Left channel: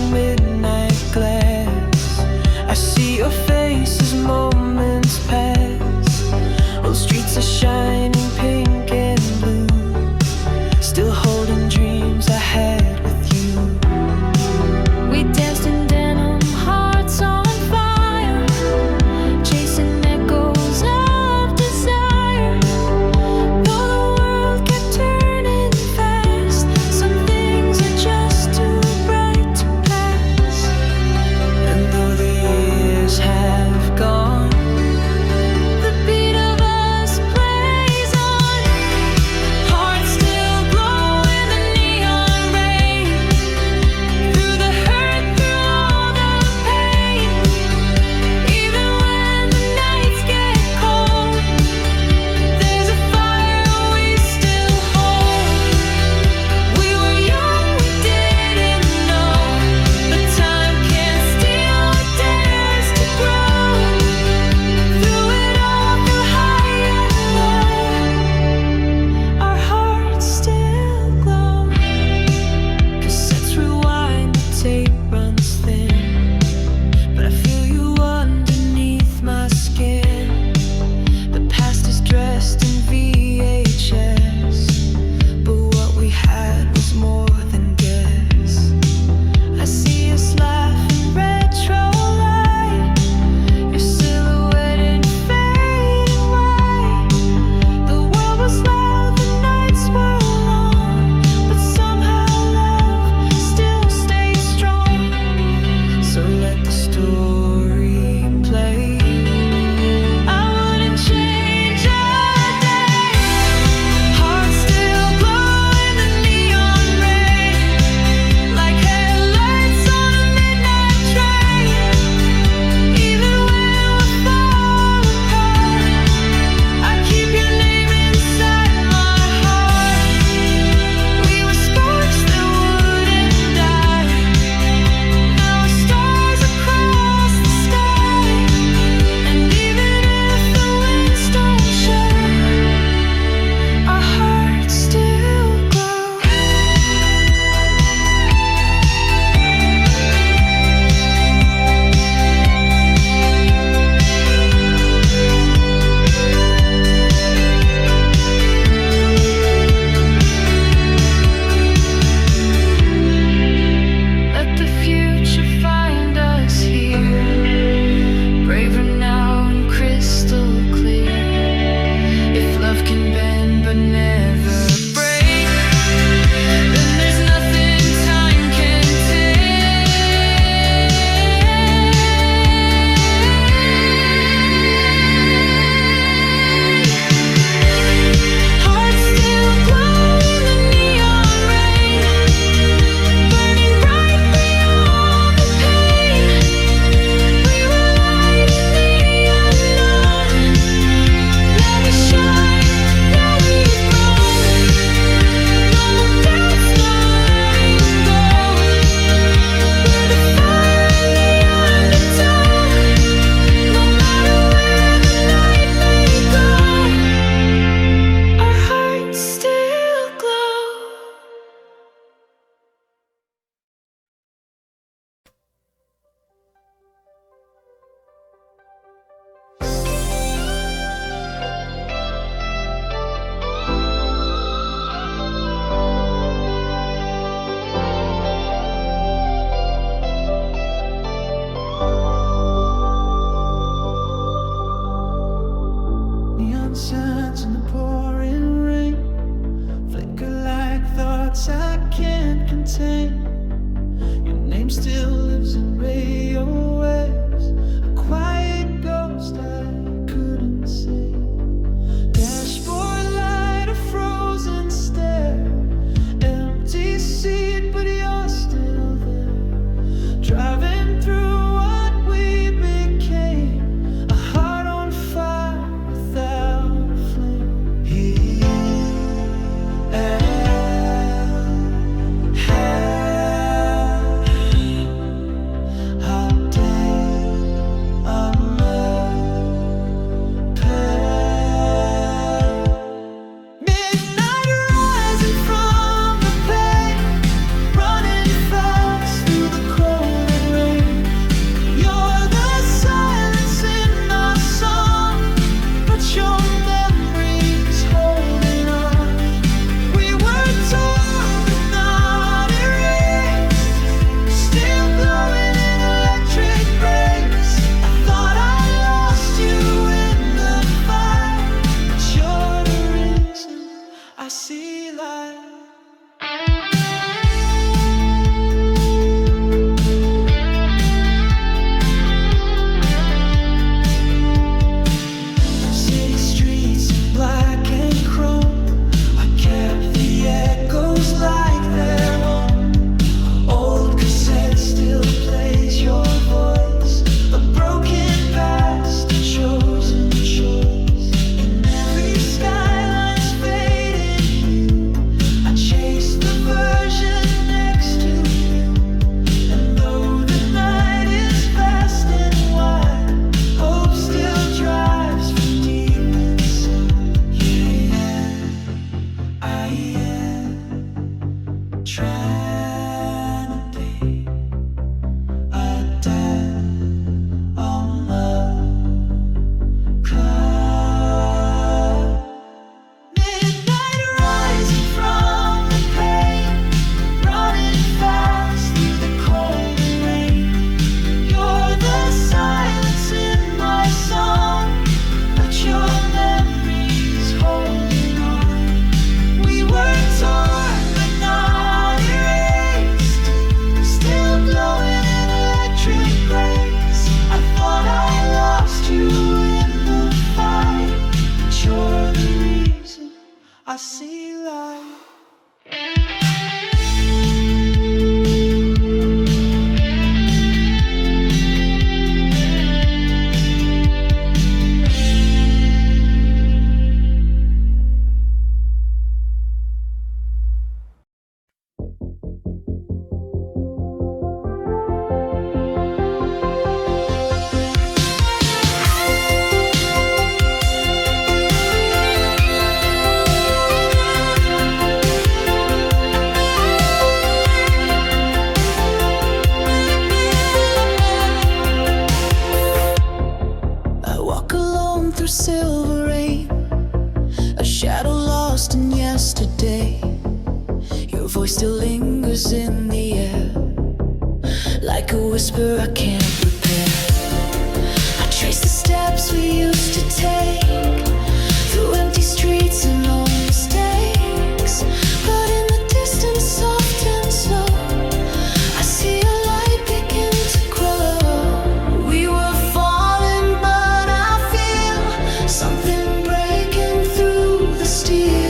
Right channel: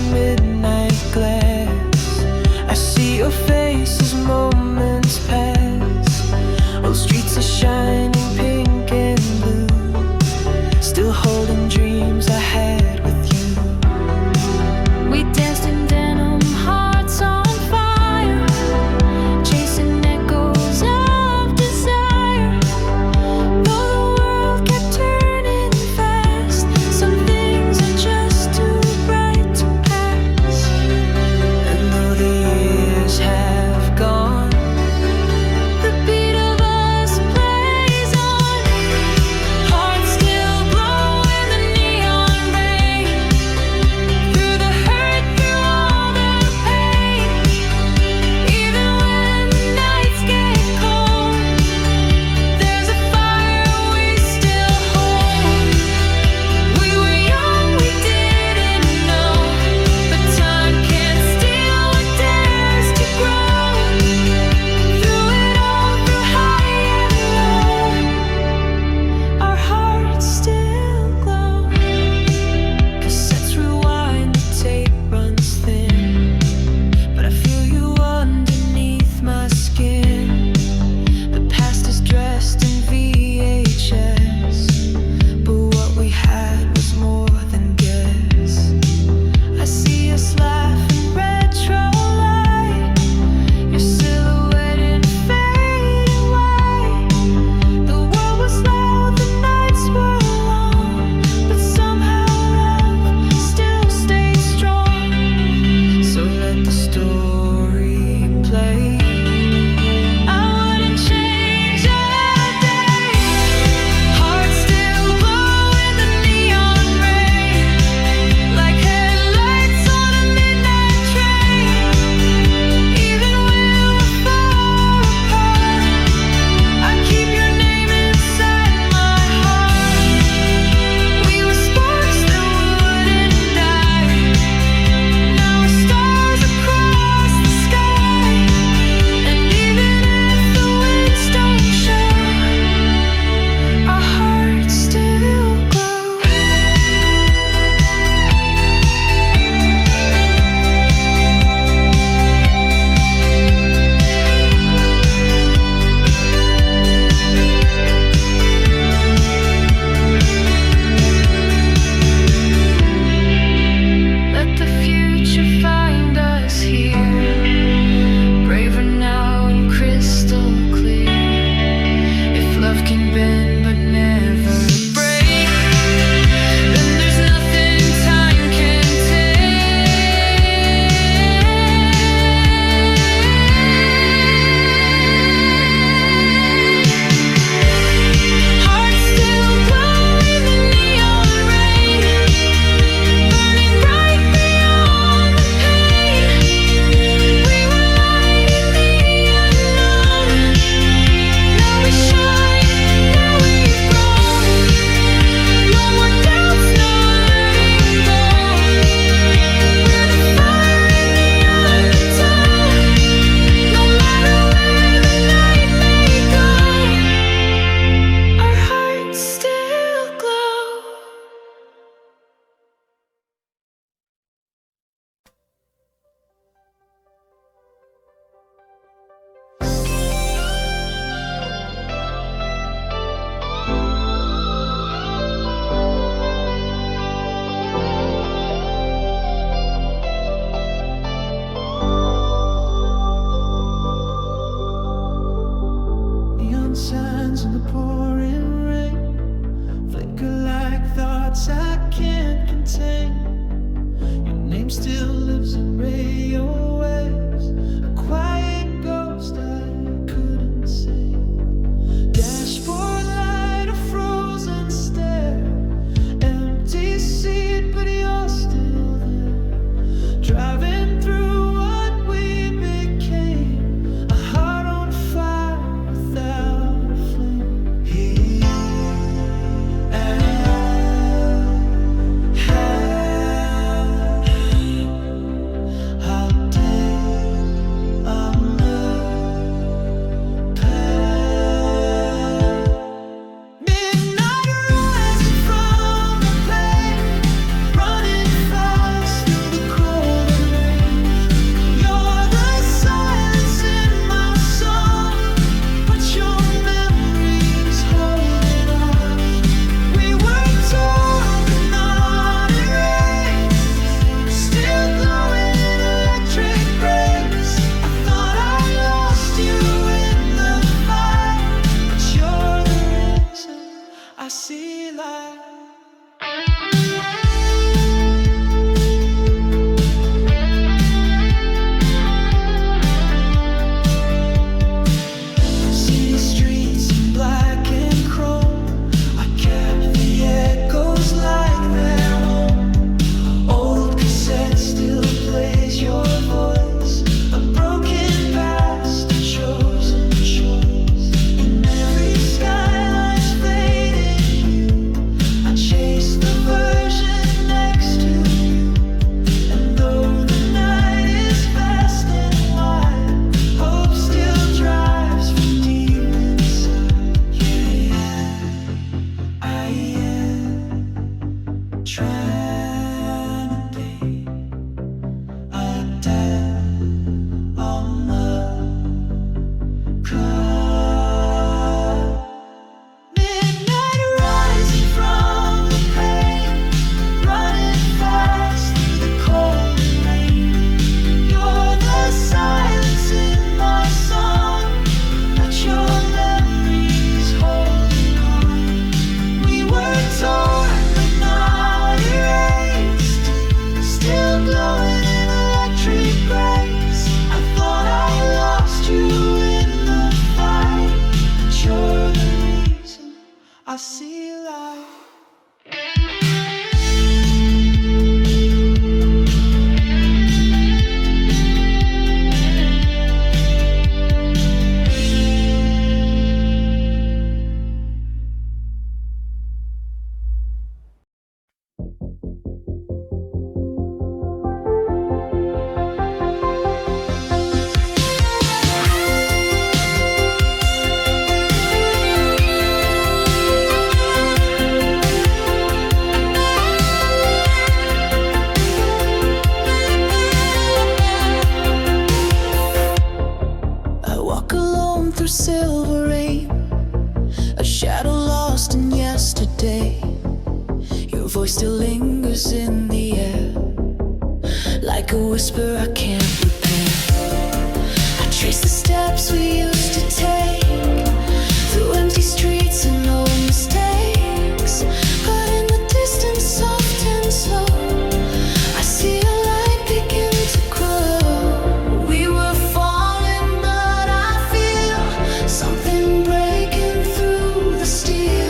neon midnight glass. I see your face as moments pass. Old streets are shining pink and blue, still holding dreams I had with you. We danced in denim, hearts on fire, chasing echoes of desire. Though the world kept turning fast, some things are just too bright to pass. And though the years have gone, the beat of us plays on. Hearts still glow in the neon rain, through the hurt, through all the pain. Even when the nights get cold, there's a fire we still hold. We were young, we didn't know, but time can't steal what dares to grow. Through it all, through high and low, our hearts still glow. Cassettes rewind, the tape runs thin, but I feel you underneath my skin. The past is dressed in VHS, but what we had was more than guess. I see us laugh in retro light, your silhouette in fading white. The world was loud, the nights were long, but somehow love still stayed strong. So let the story play. I wouldn't change a day. Hearts still glow in the neon rain, like headlights on a midnight train. Even when we're far apart, I keep your name inside my heart. We were sparks that wouldn't die. Now we're stars across the sky. And even if the winds don't show, our hearts still glow. Let the future find us here, braver now and crystal clear. If love can bend but never break, then there's nothing time can take. Hearts still glow in the neon rain, burning bright beyond the pain. We were light in the unknown. Now we shine, now we've grown. No more doubts, no letting go. We're the fire in the undertow. No matter where the night may go, our hearts still glow. Neon signs in the pouring rain, flicker like thoughts I can't contain. Your name still lives in radio waves, a quiet ghost I couldn't say. Dashboard light, a frozen stare, empty seat, but you're still there. Driving through what we became, a heart on fire without a flame. Here and all day I'm a midnight rising from the pain, running fast through the cold. see light. City streets in black and chrome, I kept the echoes like their home. Old cassette still plays your voice, a broken past, a chosen choice. In every skyline's faded hue, I chase the version next to you. And though the night is vast and wide, hope still drives from deep inside. Yeah, I am trying to think. I died on the clock. Midnight rising from the pain, running fast through the cold and rain. You're the silence in my song, but your memory's holding on. We were torn but not erased, still glowing in electric grace. I thought I lost you in the fight, but you're the reason I see light. I walk alone through silver rain, a shadow lost in yesterday. Your voice still lingers in the air, like a whisper I can't repair. I trace the steps we used to take, through empty streets and old mistakes. But in the distance, soft and slow, I see a light begin to grow. We were falling, but I feel something breaking through the steel.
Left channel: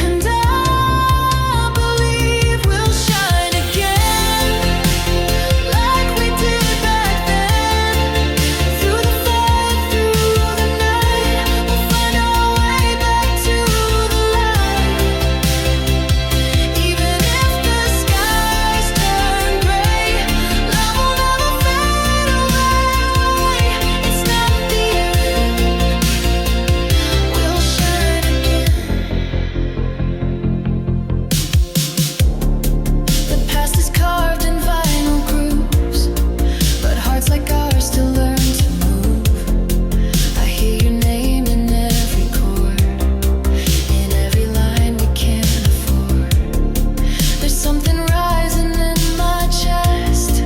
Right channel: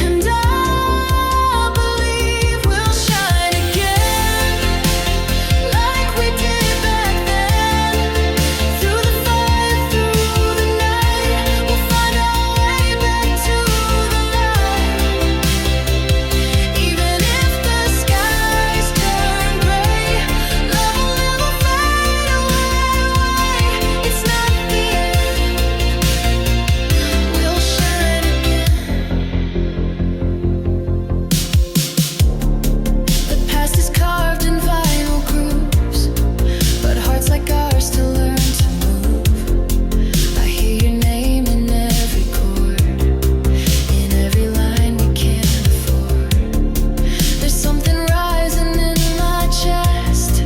And I believe we'll shine again, like we did back then. Through the fire, through the night, we'll find our way back to the light. Even if the skies turn gray, love will never fade away. It's not the end, we'll shine again. The past is carved in vinyl grooves, but hearts like ours still learn to move. I hear your name in every chord, in every line we can't afford. There's something rising in my chest,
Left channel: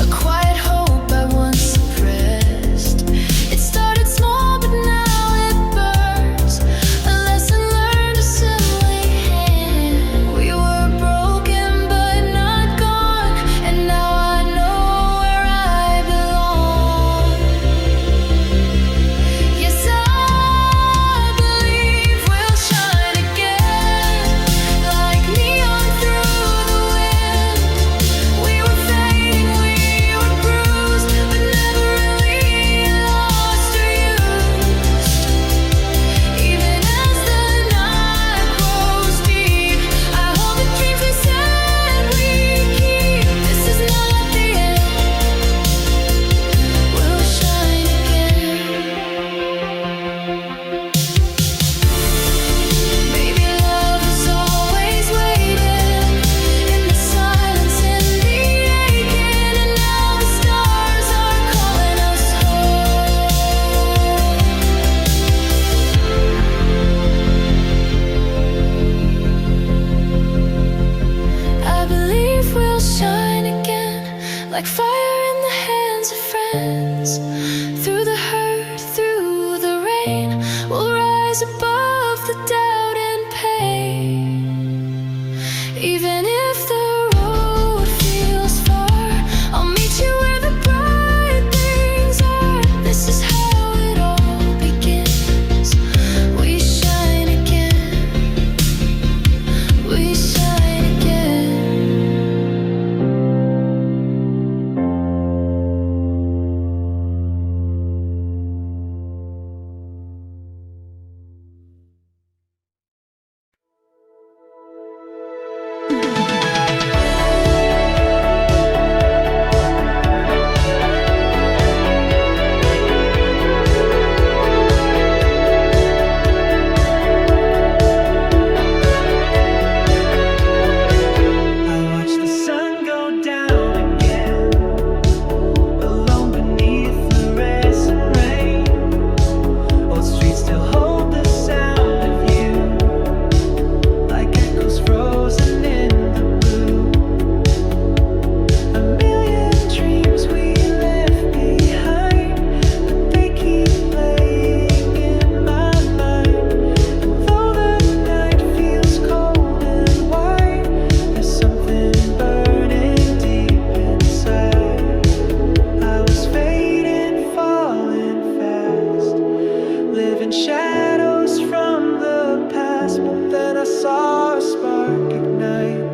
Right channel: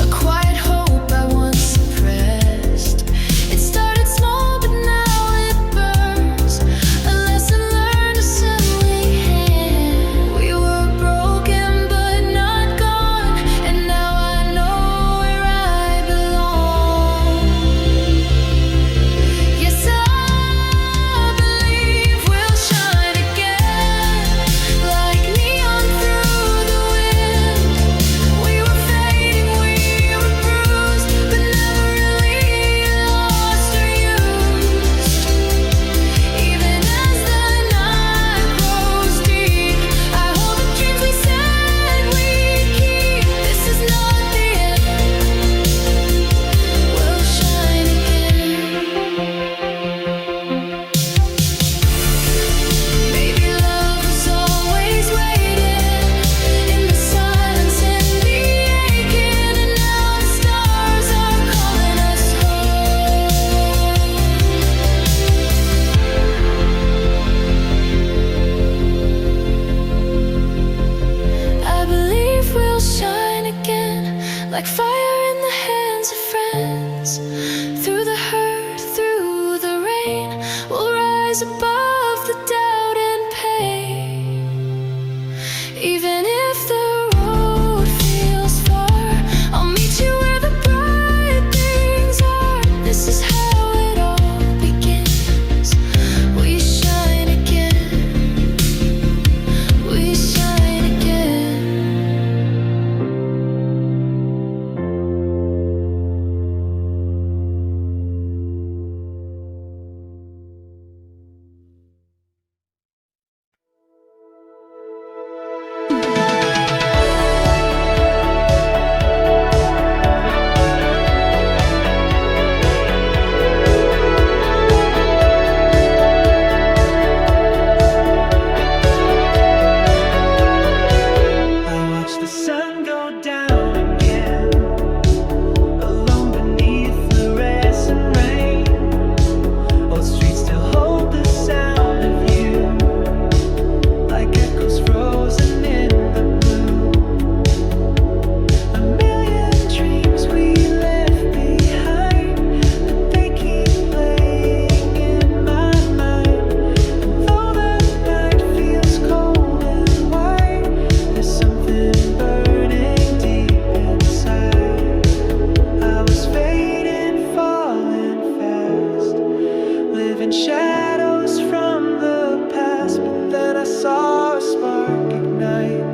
a quiet hope I once suppressed. It started small, but now it burns, a lesson learned, a sibling hand. We were broken, but not gone, and now I know where I belong. Yes, I believe we'll shine again, like neon through the wind. We were fading, we were bruised, but never really lost or used. Even as the night grows deep, I hold the dreams we said we'd keep. This is not the end, we'll shine again. Maybe love was always waiting, in the silence, in the aching, and now the stars are calling us home. I believe we'll shine again, like fire in the hands of friends. Through the hurt, through the rain, we'll rise above. still hold the sound of you, like echoes frozen in the blue. A million dreams we left behind, but they keep playing in my mind. And though the night feels cold and white, there's something burning deep inside. I was fading, falling fast, living shadows from the past. But then I saw a spark ignite,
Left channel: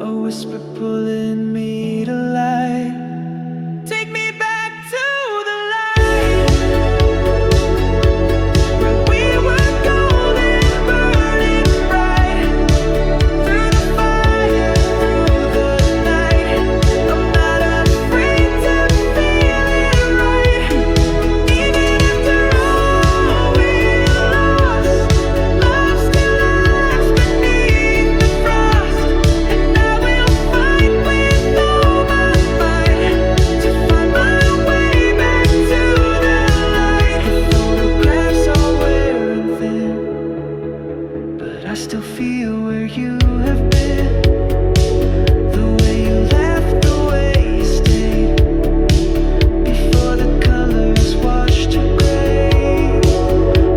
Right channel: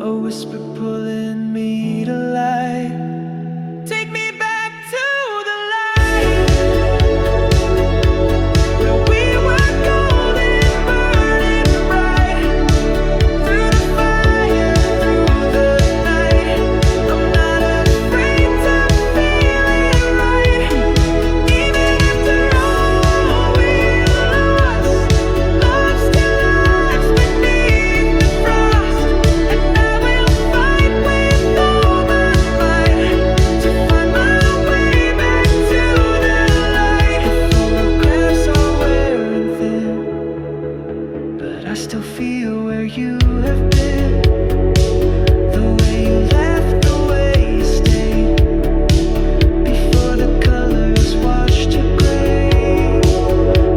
a whisper pulling me to life. Take me back to the light, where we were golden, burning bright. Through the fire, through the night, I'm not afraid to feel it right. Even after all we lost, love still lives beneath the frost. And I will fight with all my might to find my way back to the light. The photographs are wearing thin, but I still feel where you have been. The way you laughed, the way you stayed, before the colors washed to gray.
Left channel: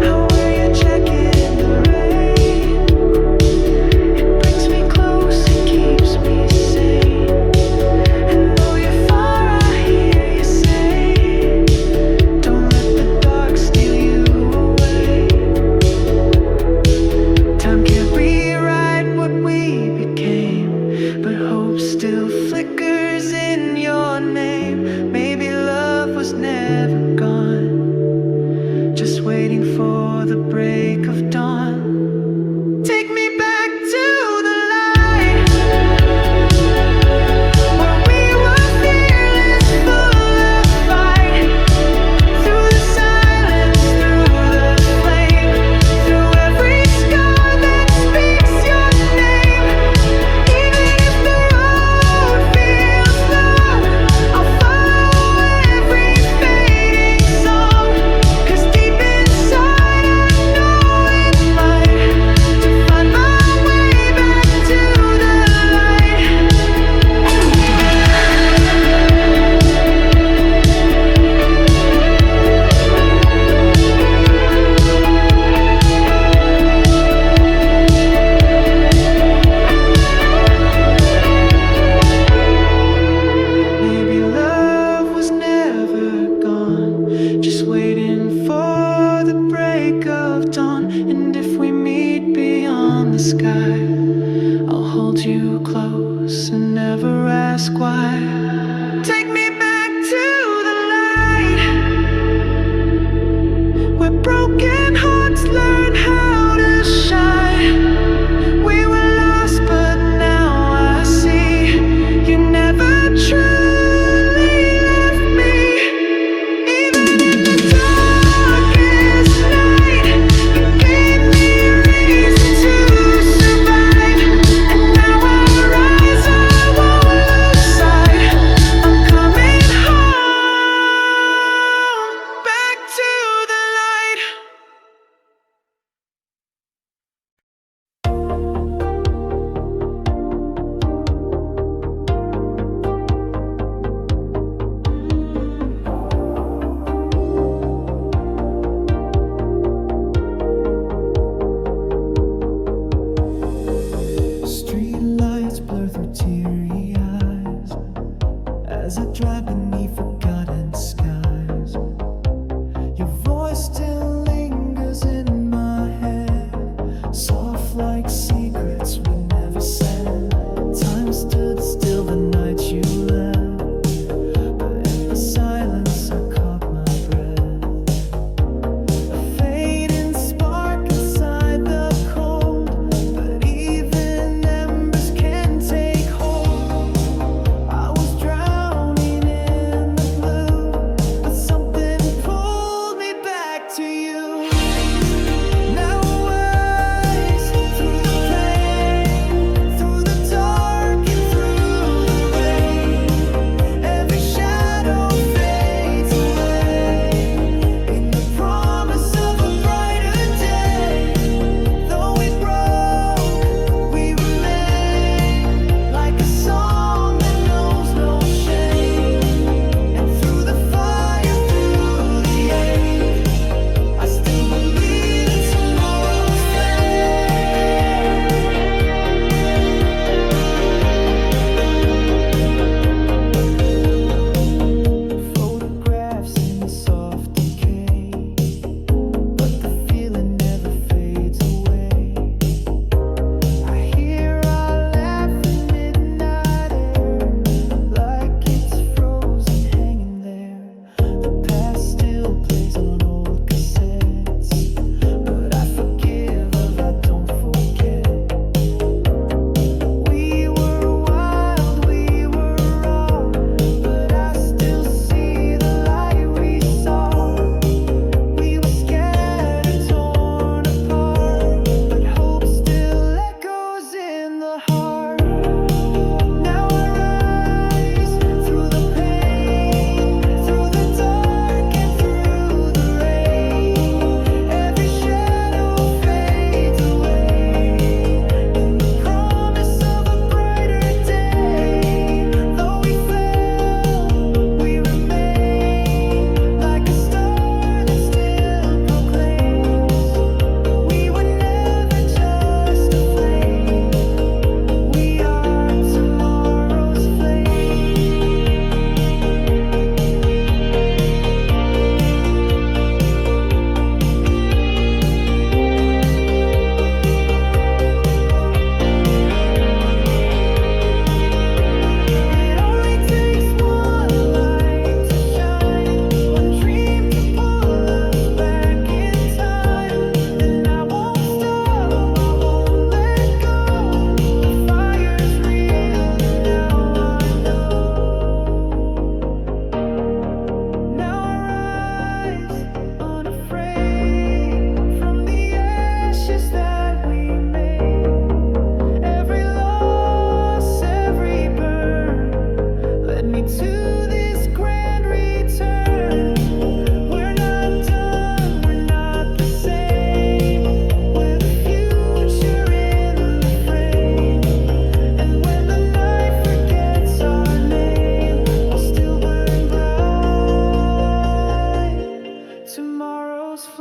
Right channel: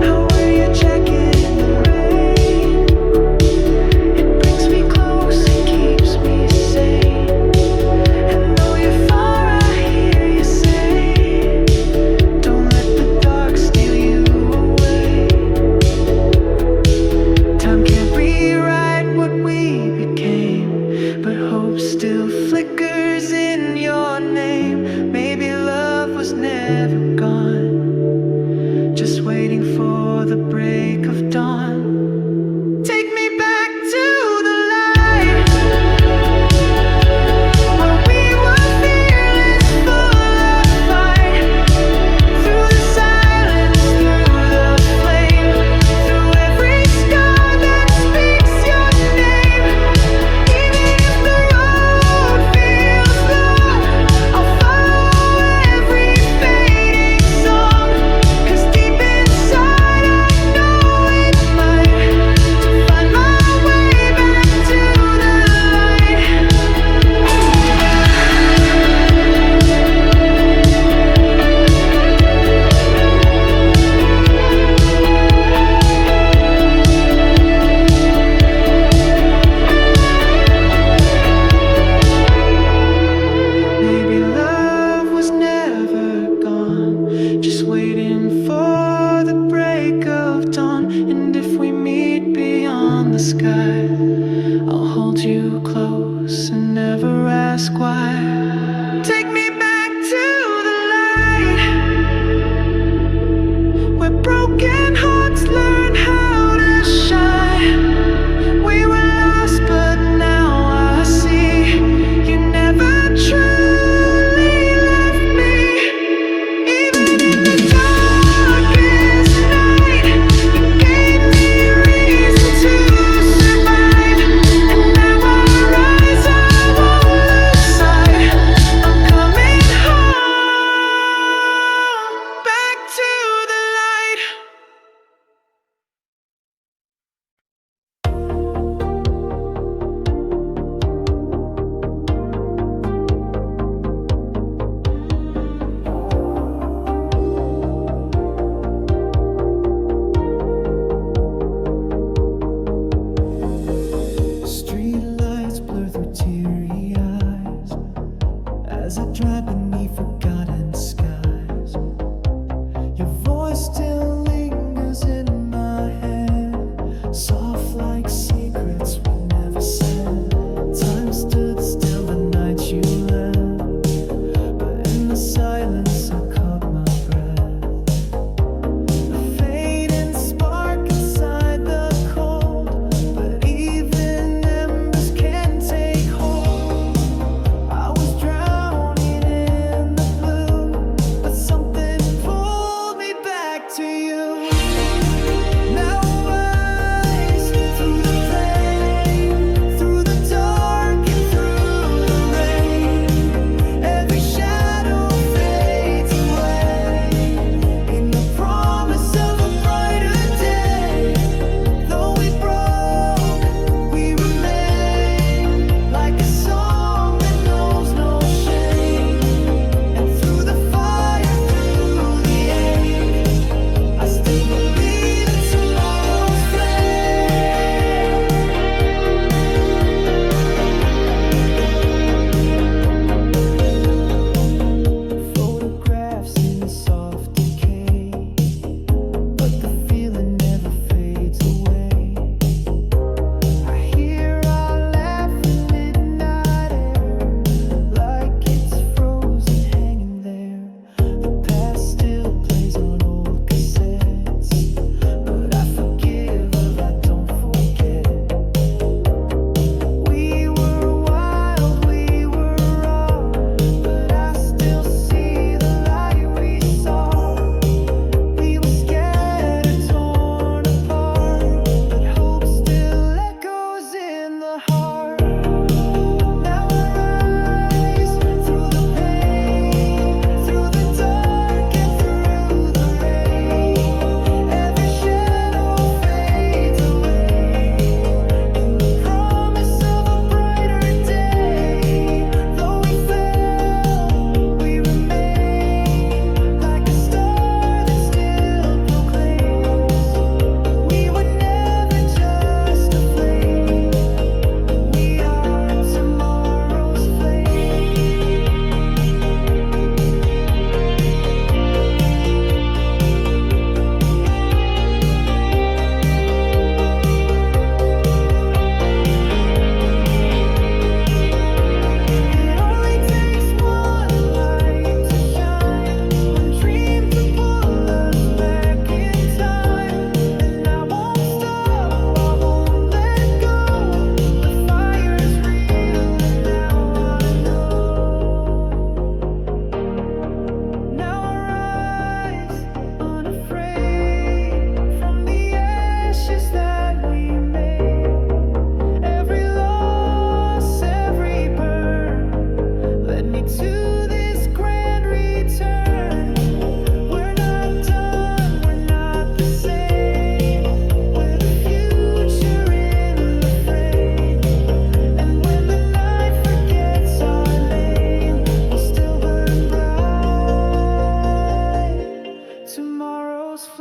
I wear your jacket in the rain. It brings me close, it keeps me sane. And though you're far, I hear you say, don't let the dark steal you away. Time can't rewrite what we became, but hope still flickers in your name. Maybe love was never gone, just waiting for the break of dawn. Take me back to the light, where we were fearless, full of fight. Through the silence, through the flame, through every scar that speaks your name. Even if the road feels long, I'll follow every fading song. 'Cause deep inside I know it might, to find my way back to the light. Maybe love was never gone, just waiting for the break of dawn. And if we meet beyond the sky, I'll hold you close and never ask why. Take me back to the light, where broken hearts learn how to shine. We were lost, but now I see you never truly left me. Even in the darkest night, you gave me reason to survive. And now I rise, I won't lose sight. I'm coming home, back to the light. Street lights blur through teary eyes as I drive beneath forgotten skies. Your voice still lingers in my head, soft like secrets we never said. Time stood still the night you left, but in the silence I caught my breath. A fading spark inside the cold, but even embers can take hold. I was drowning in the blue, but something pulled me back to you. Now rise through the pain, through the dark and through the rain. Every shadow fades away in the promise of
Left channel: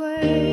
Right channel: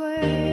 flame.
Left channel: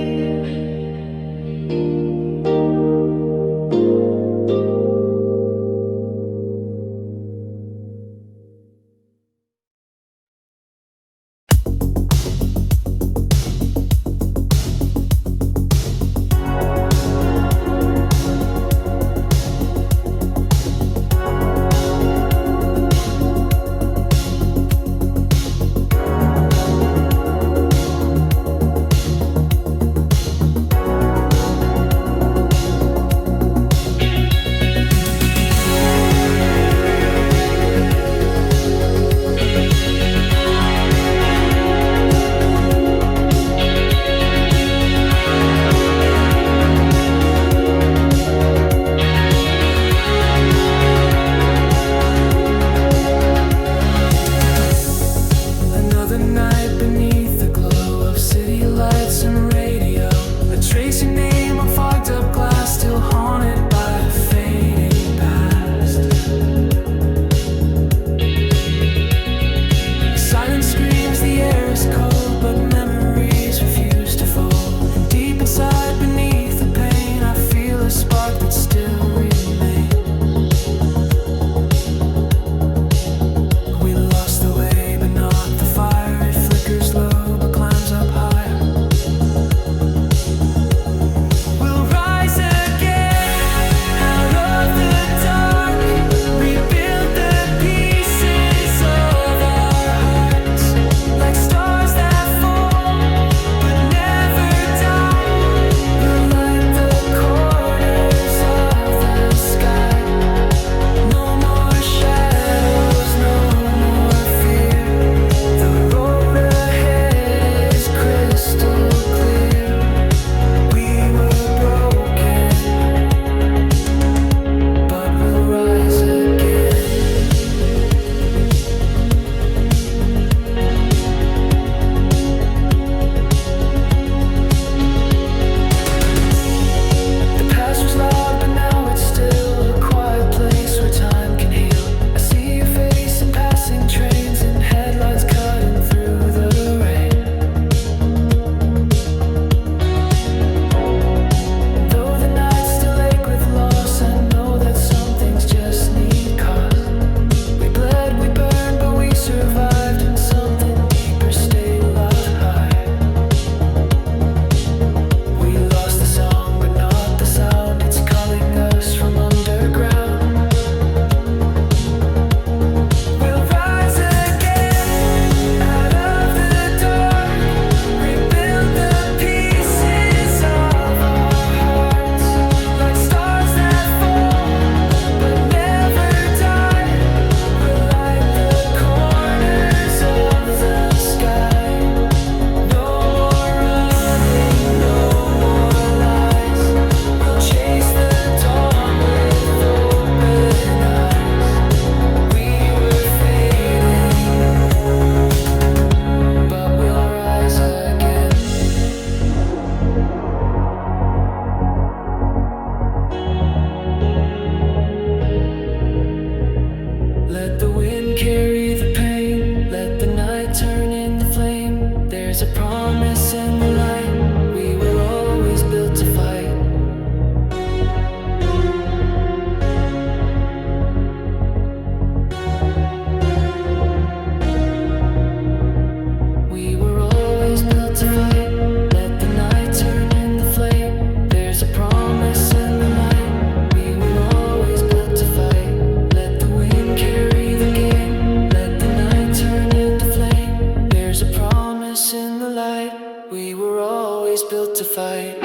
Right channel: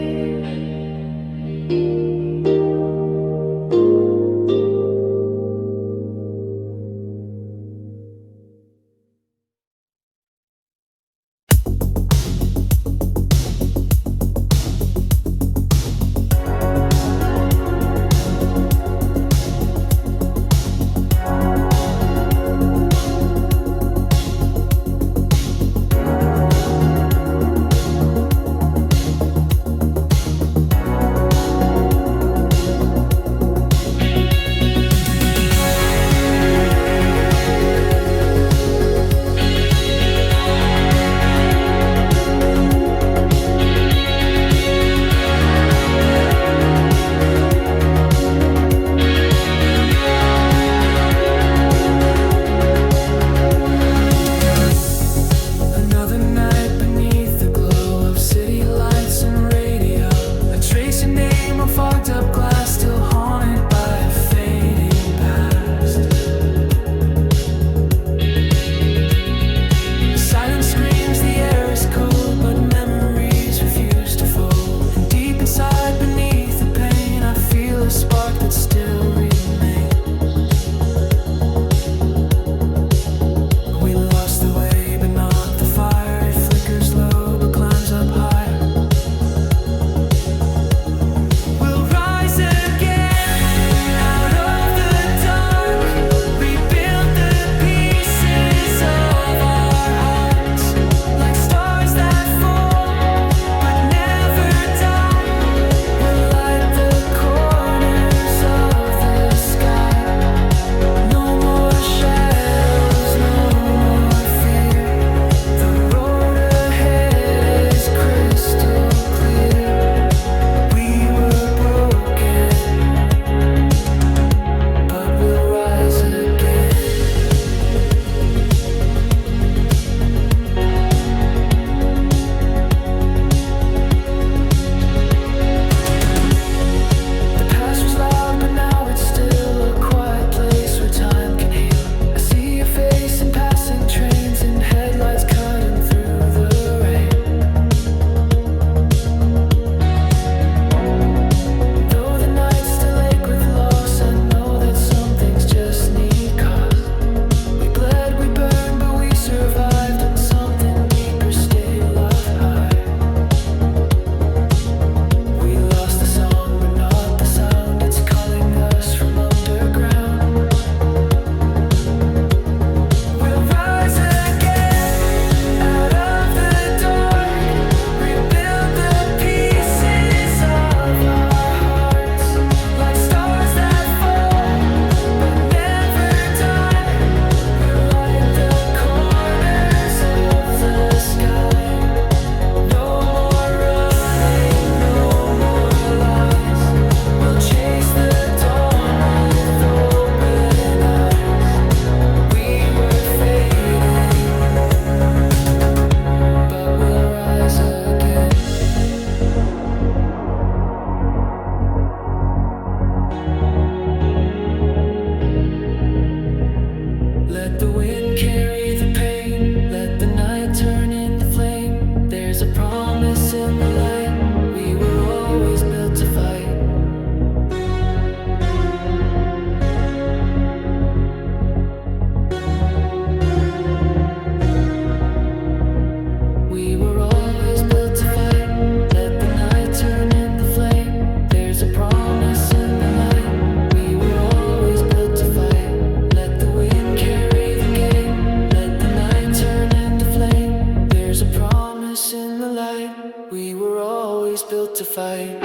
Let the wind carry the pain, let the night turn into flame. There's a promise in the light, we were always built to fight. We were always built to fight, let the night turn into flame. There's a promise in the light, we were always built to fight. Let the wind carry the game, let the night turn into flame. There's a promise in the light, we were always built to fight.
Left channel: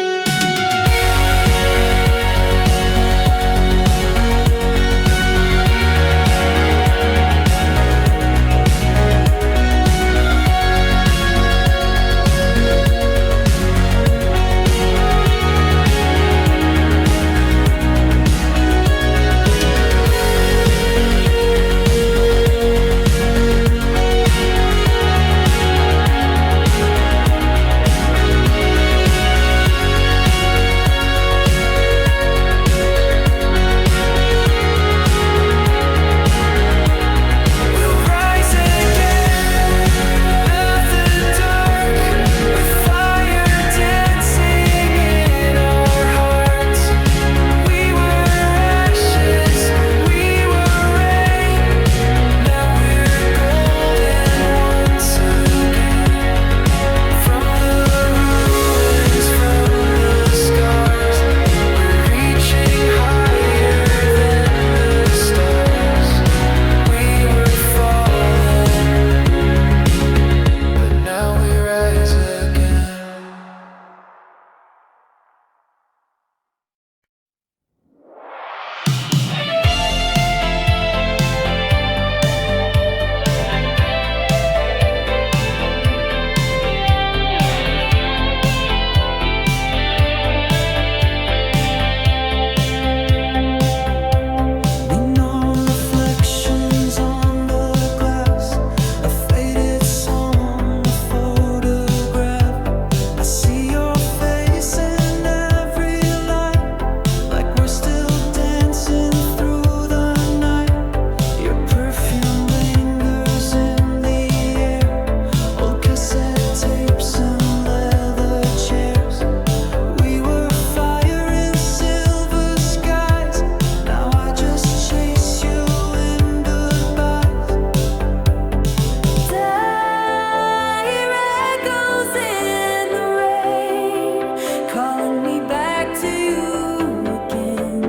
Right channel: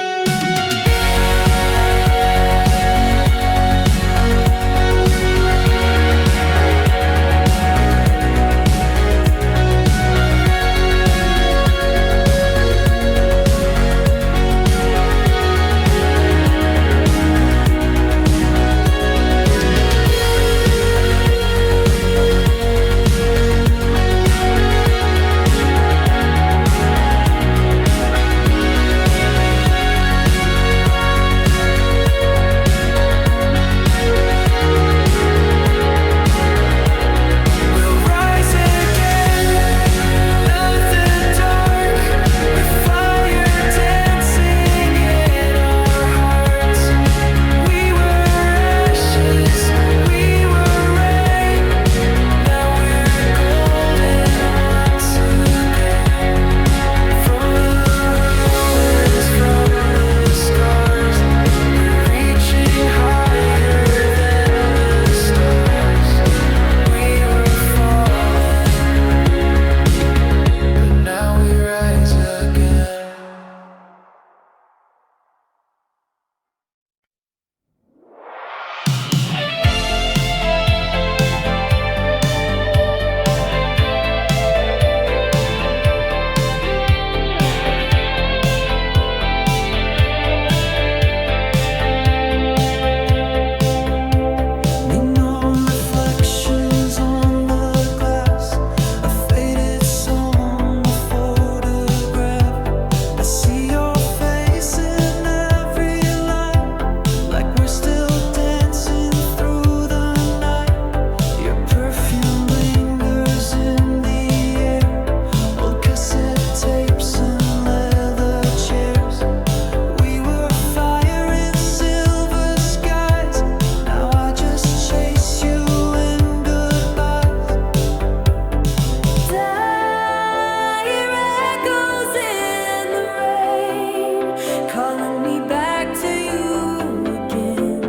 calling me back to you again.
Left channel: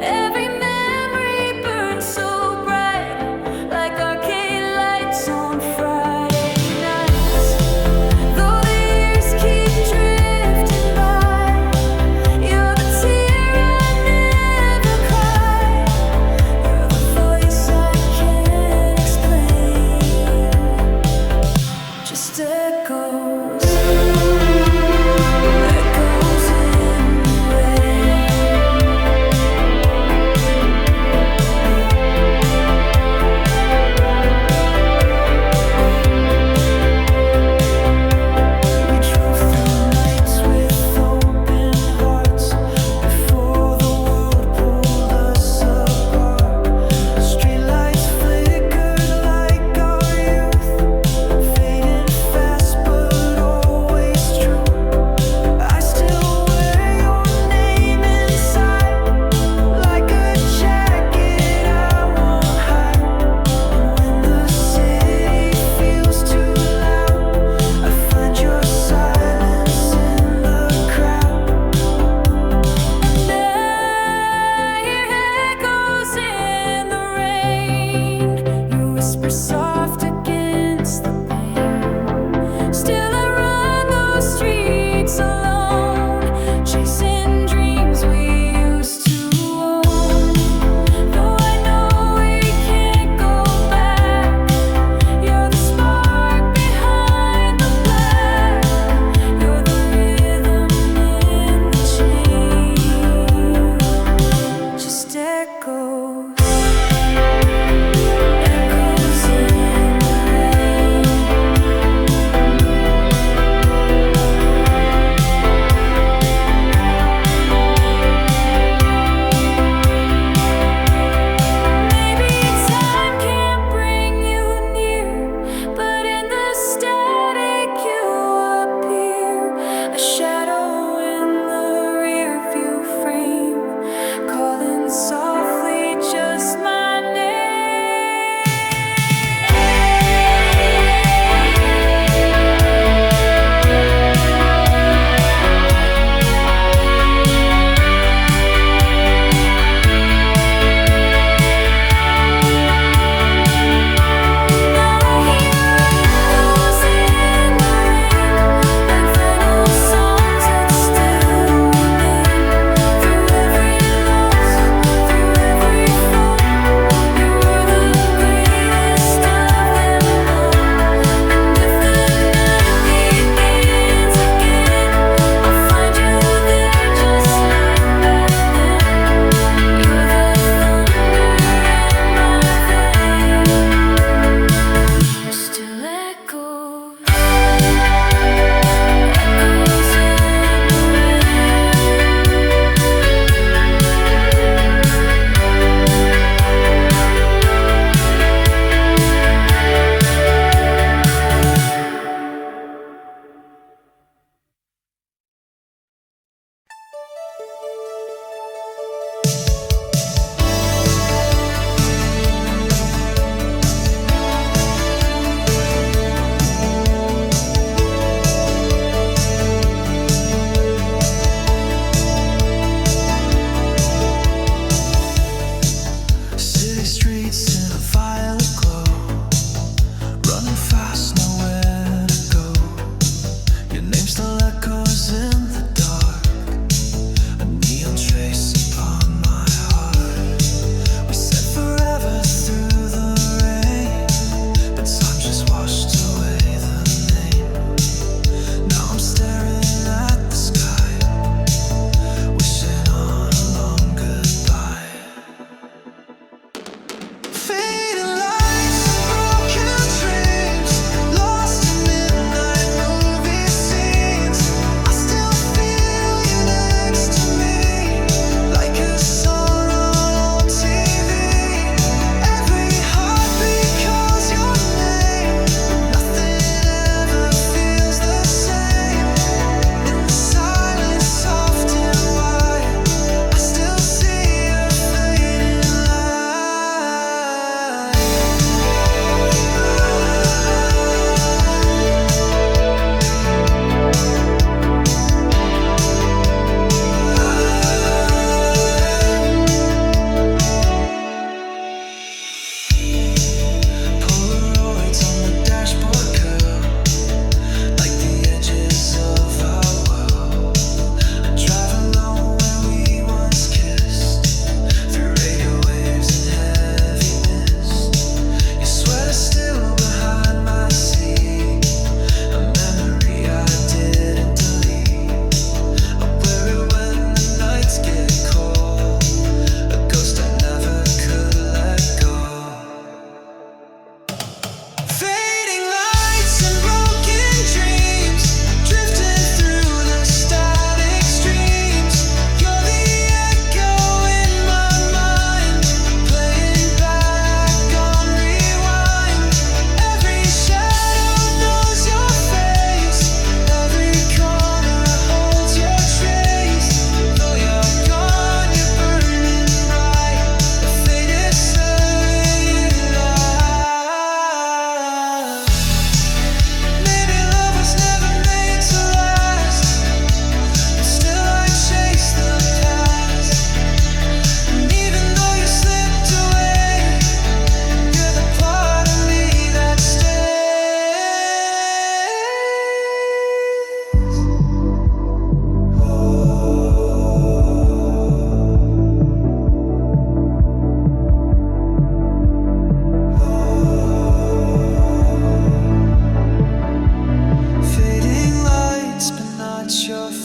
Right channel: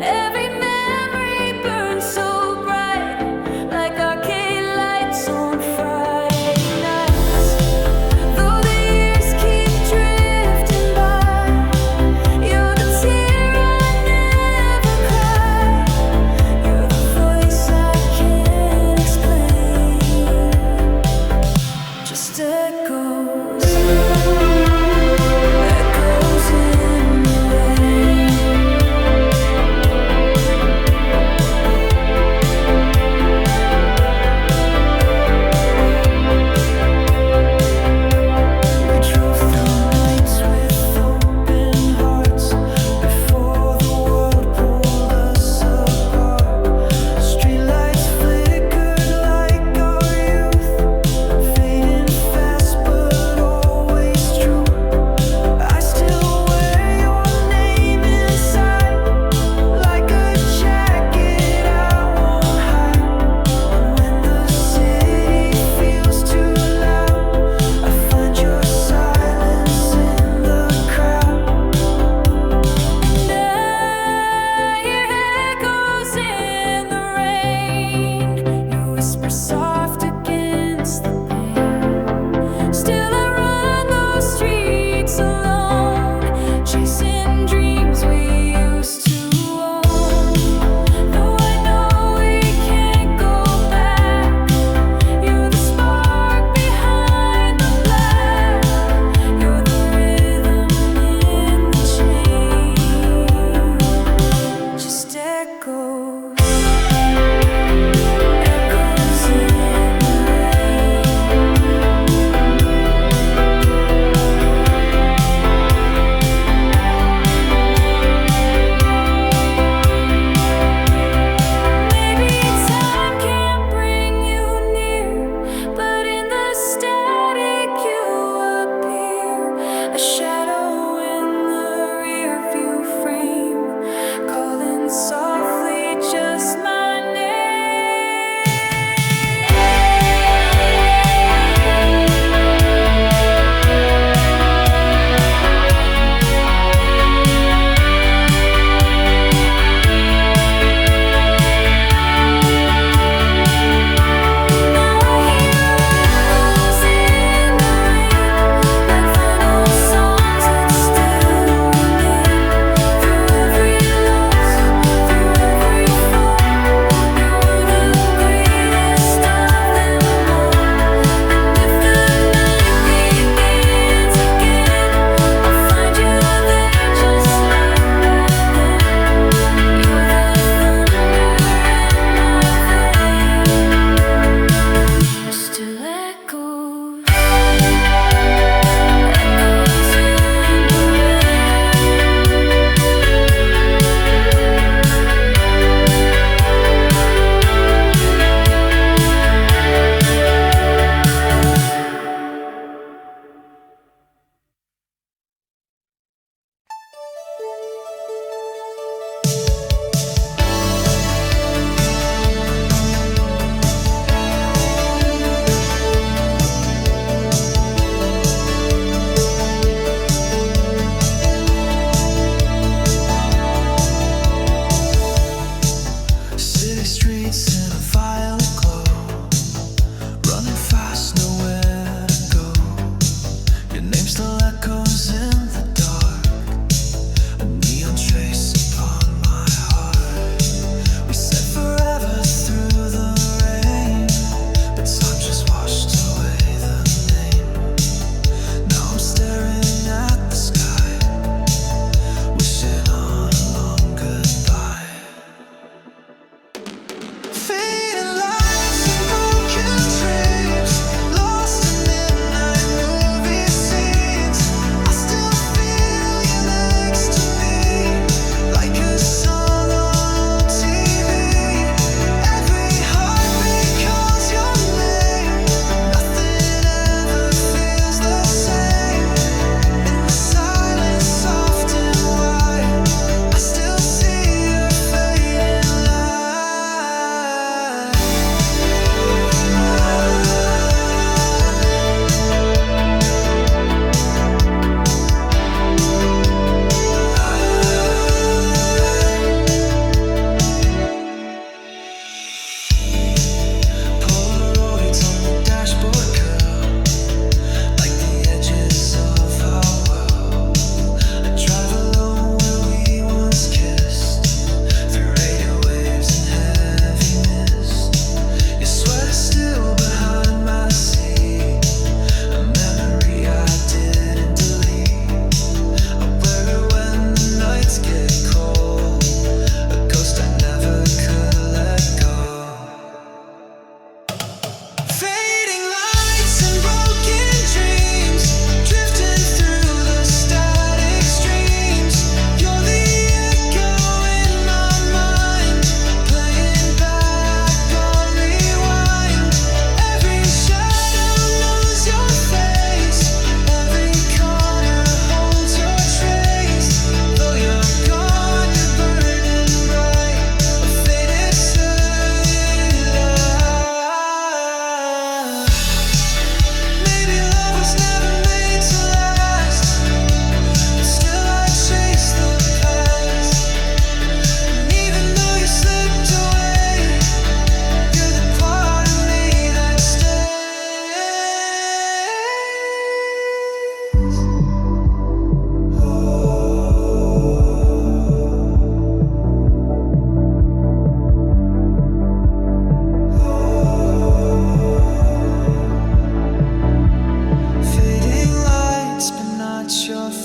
Every memory burns so bright, like arcade lights on Friday nights. Though the years keep drifting by, you're the tear I never cry. You're the voice I can't explain, just echoes. Soft against the pain, still I run those streets alone, chasing dreams we used to own. Though I know we can't go back, you're the spark behind the black. You're the rhythm in the chain, just echoes. A shadow in the rear view frame, calling softly just my name. You were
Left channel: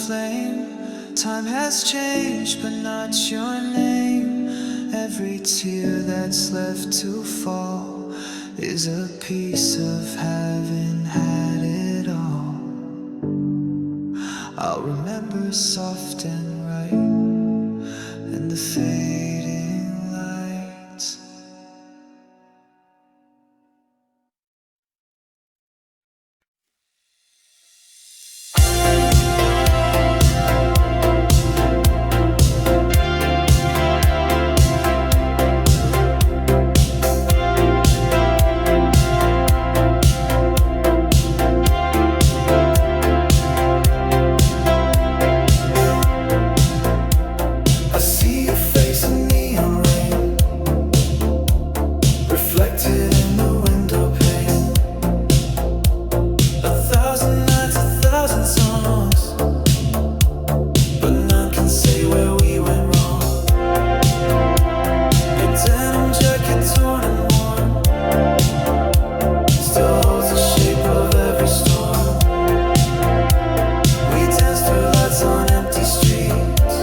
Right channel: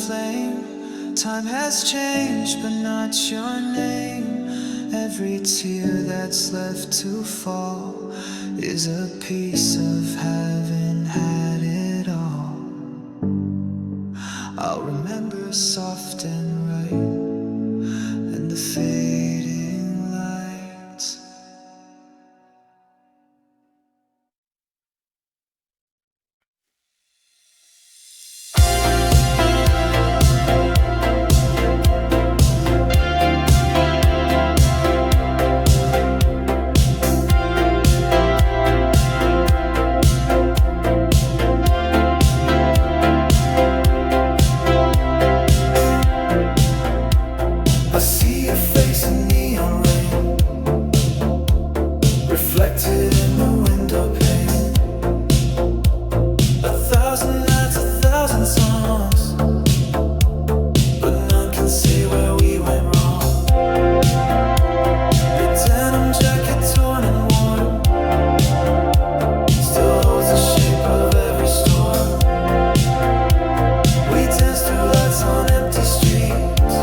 flame. Time has changed, but not your name. Every tear that's left to fall is a piece of having had it all. I'll remember soft and right, and the fading lights. I see your face in neon rain, reflected in the window pane. 1,000 nights, 1,000 songs, but none can say where we went wrong. Your denim jacket torn and worn still holds the shape of every storm. We danced through lights on empty streets,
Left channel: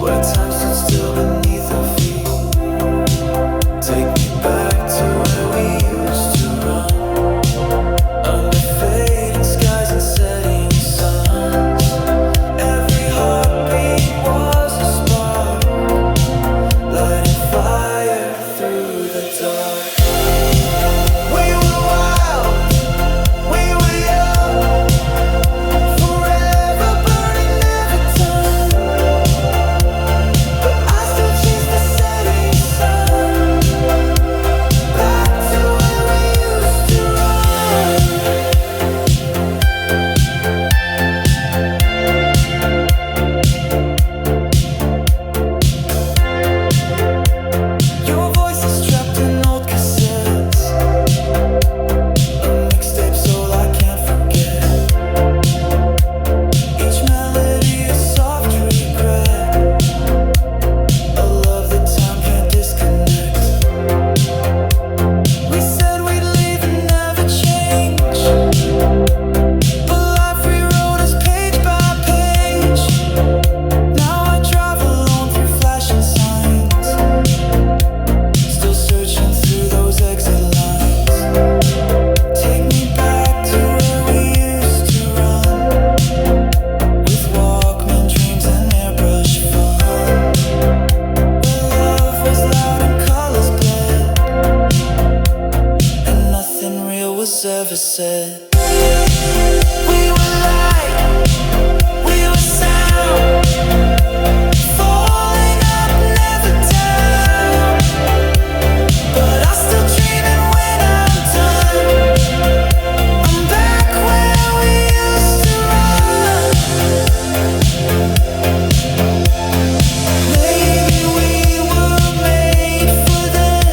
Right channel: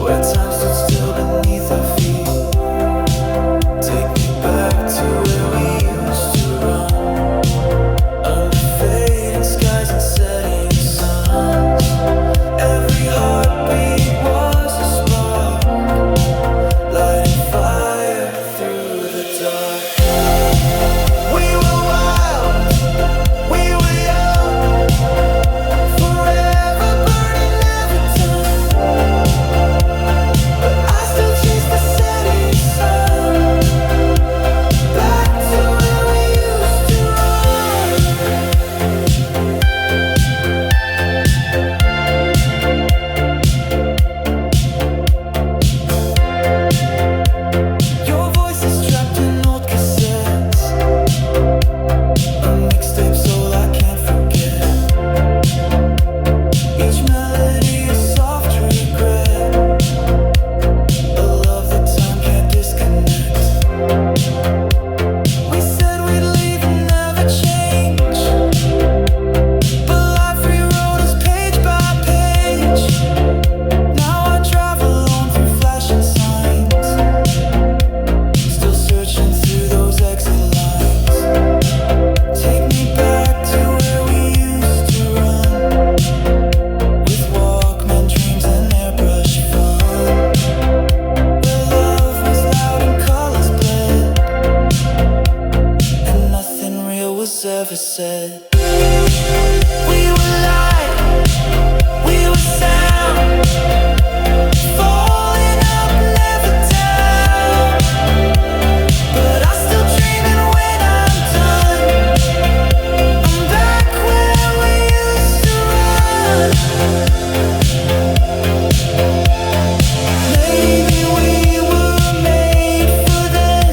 where time stood still beneath our feet. Take me back to where we used to run, under fading skies and setting suns. Every heartbeat was a spark, lighting fire through the dark. We were wild, we were young, forever burning, never done. But I still chase the setting sun, back to where we used to run. Your voice is trapped in old cassettes, a mixtape soul I can't forget. Each melody a soft regret, a love that time can't disconnect. We said we'd leave and never change, but life rewrote us page by page. Now I drive alone through flashing signs, still searching through those exit lines. Take me back to where we used to run, with Walkman dreams and airbrush fun, where love was loud and colors bled, and nothing real was ever said. We were light, we were sound, falling up, never down. But I still dreaming when I'm done. I'm back where we used to run. Maybe we were made for then,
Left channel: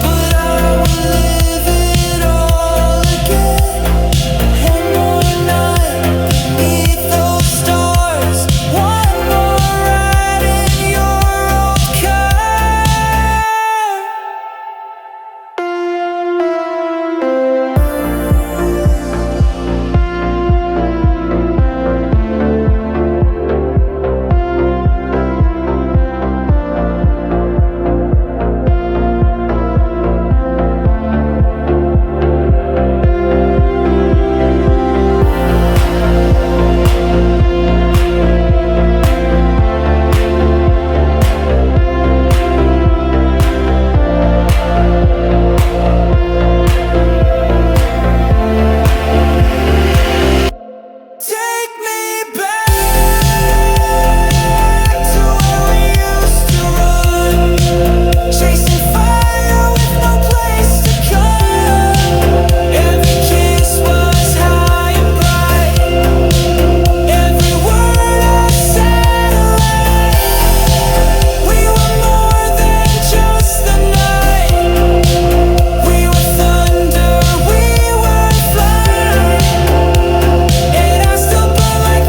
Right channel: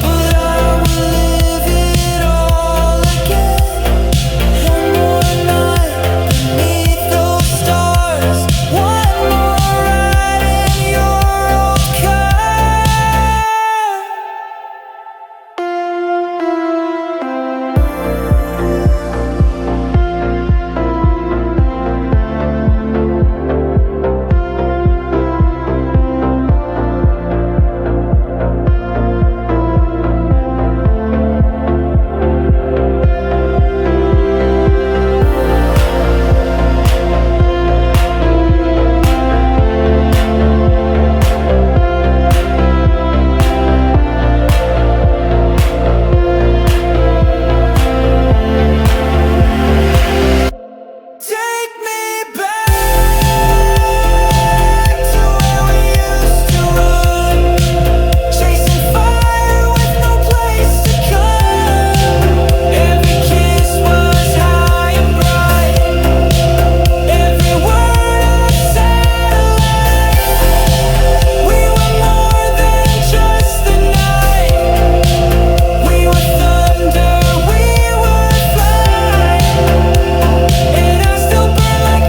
but I will live it all again. One more night beneath those stars, one more ride in your old car. Take me back to where we used to run, chasing fire with no place to come. Every kiss was high and bright, every word a satellite. We were more than just the night. We were thunder, we were flight, and I still burn like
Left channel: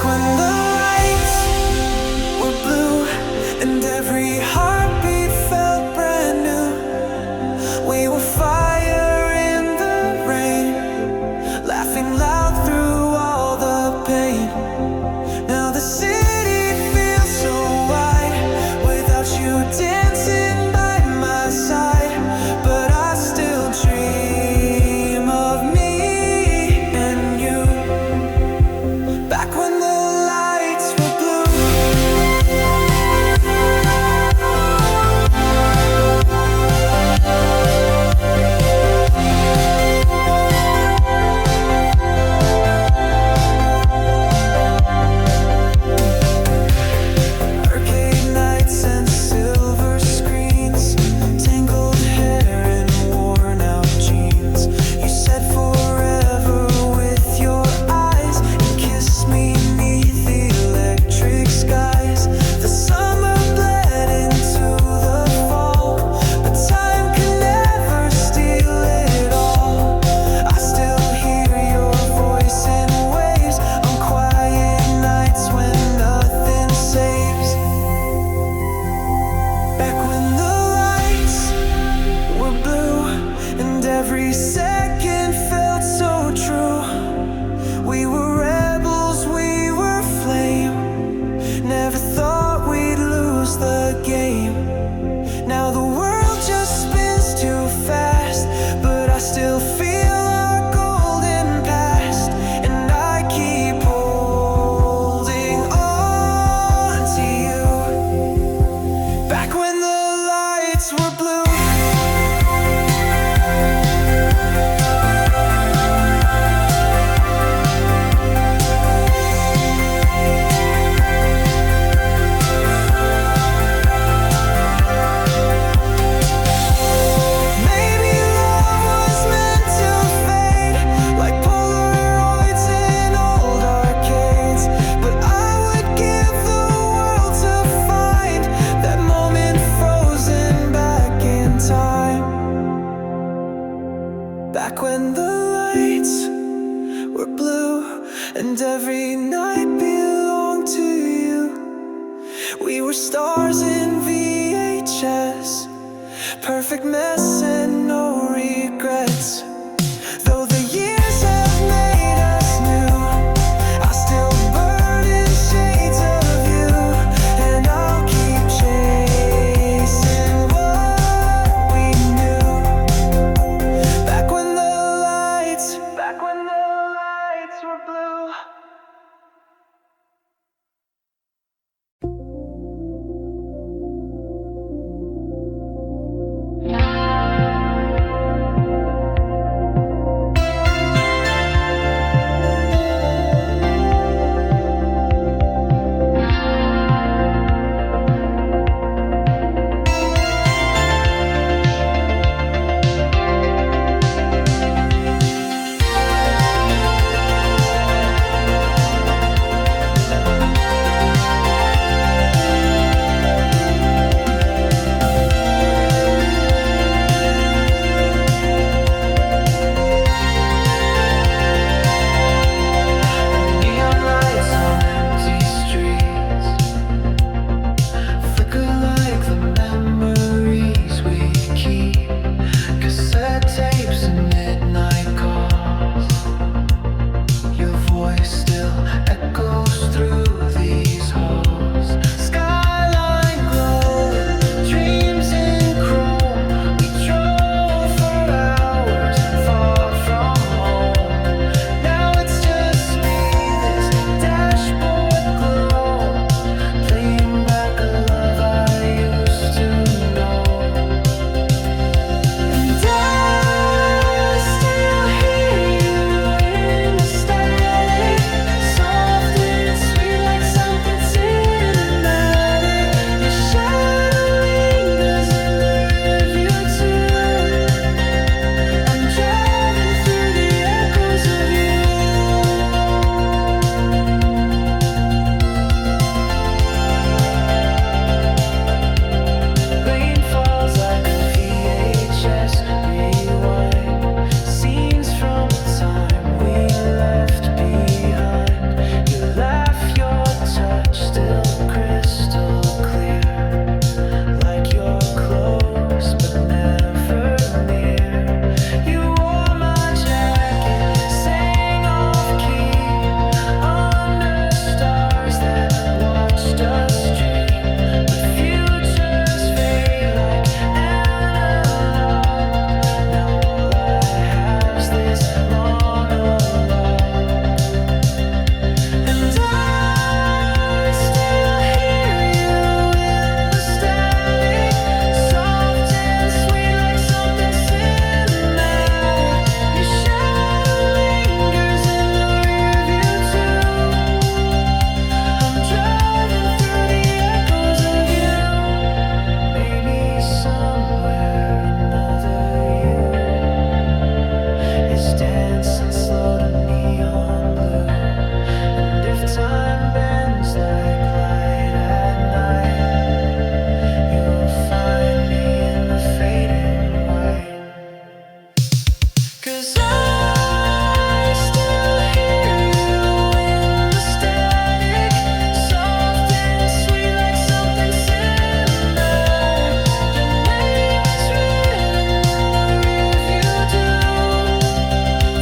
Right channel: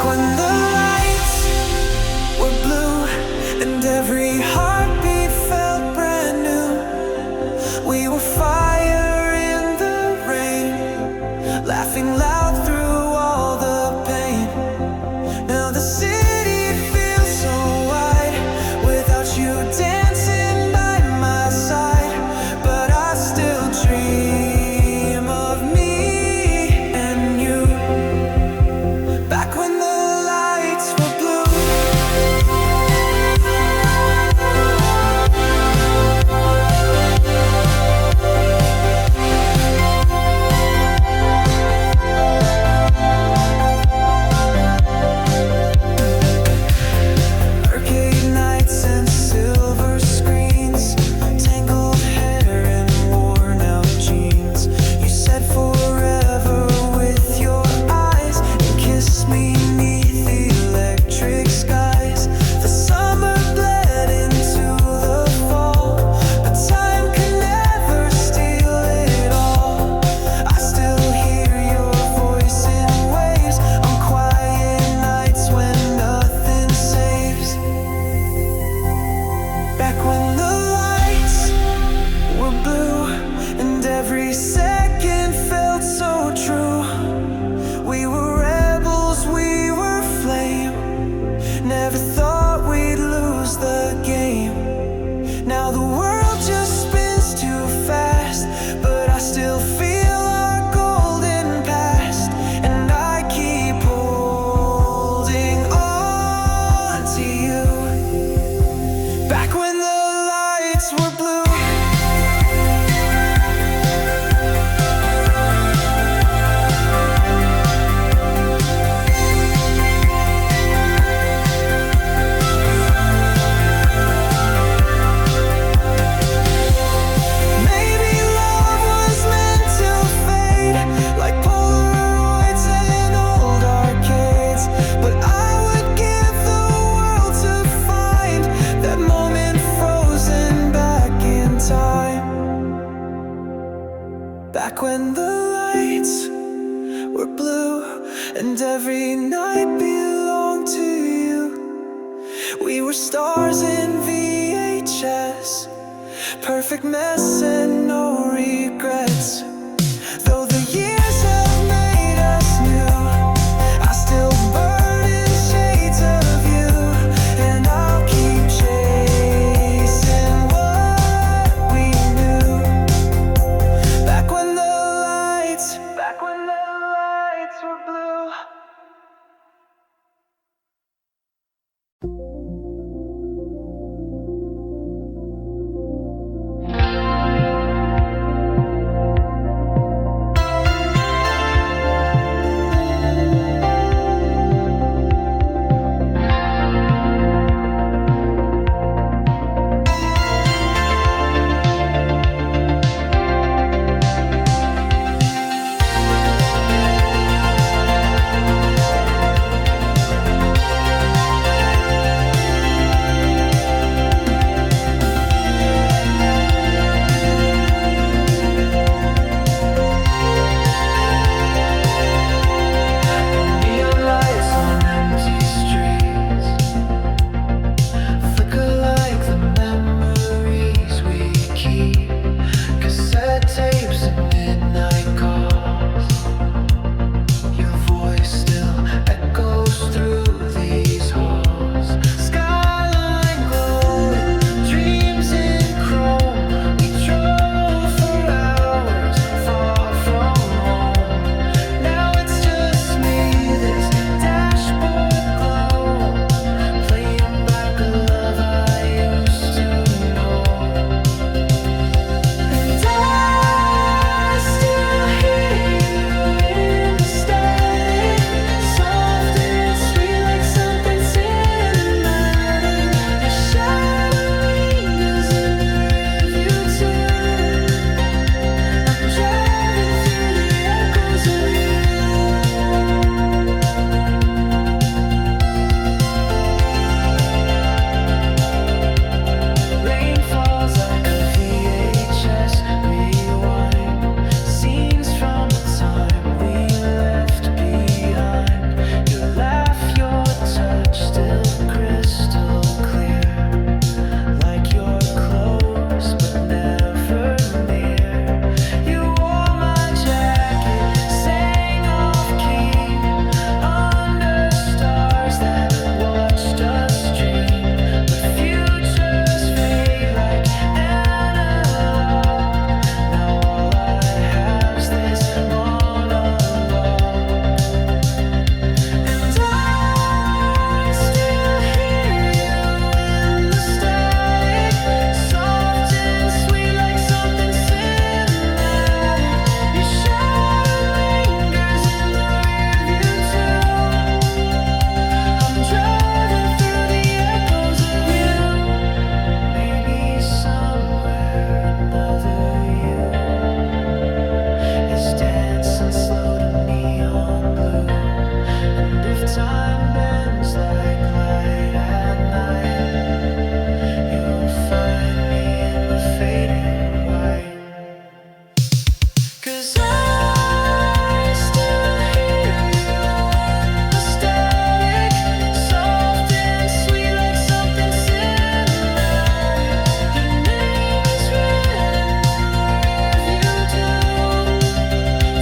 Back when the lights were blue and every heartbeat felt brand new. We were fire in the rain, laughing loud through all the pain. Now the city feels so wide without you dancing by my side. But I still dream of me and you. Back when the lights were blue. Back when the lights were blue and every second felt so true. We were rebels, we were flame. Never thought we'd lose the game. Now the world just spins too fast, but I still feel our golden past. And I keep holding on to you. Back when the lights were blue. Maybe love was meant to fade, like Polaroids in old arcades. But I would give the world to find that moment frozen back in time. Back when the lights were blue and every night belonged to you. We were stars in VHS, perfect mess and no regrets. Though the years have made us new, I still burn in shades of you. And I'll keep chasing what we knew. Back when the lights were blue. if time bends like light at night, you'll find me in the faded white. 'Cause I still hear you in the static, soft and sweet like something cinematic. Your name is written in the rearview do,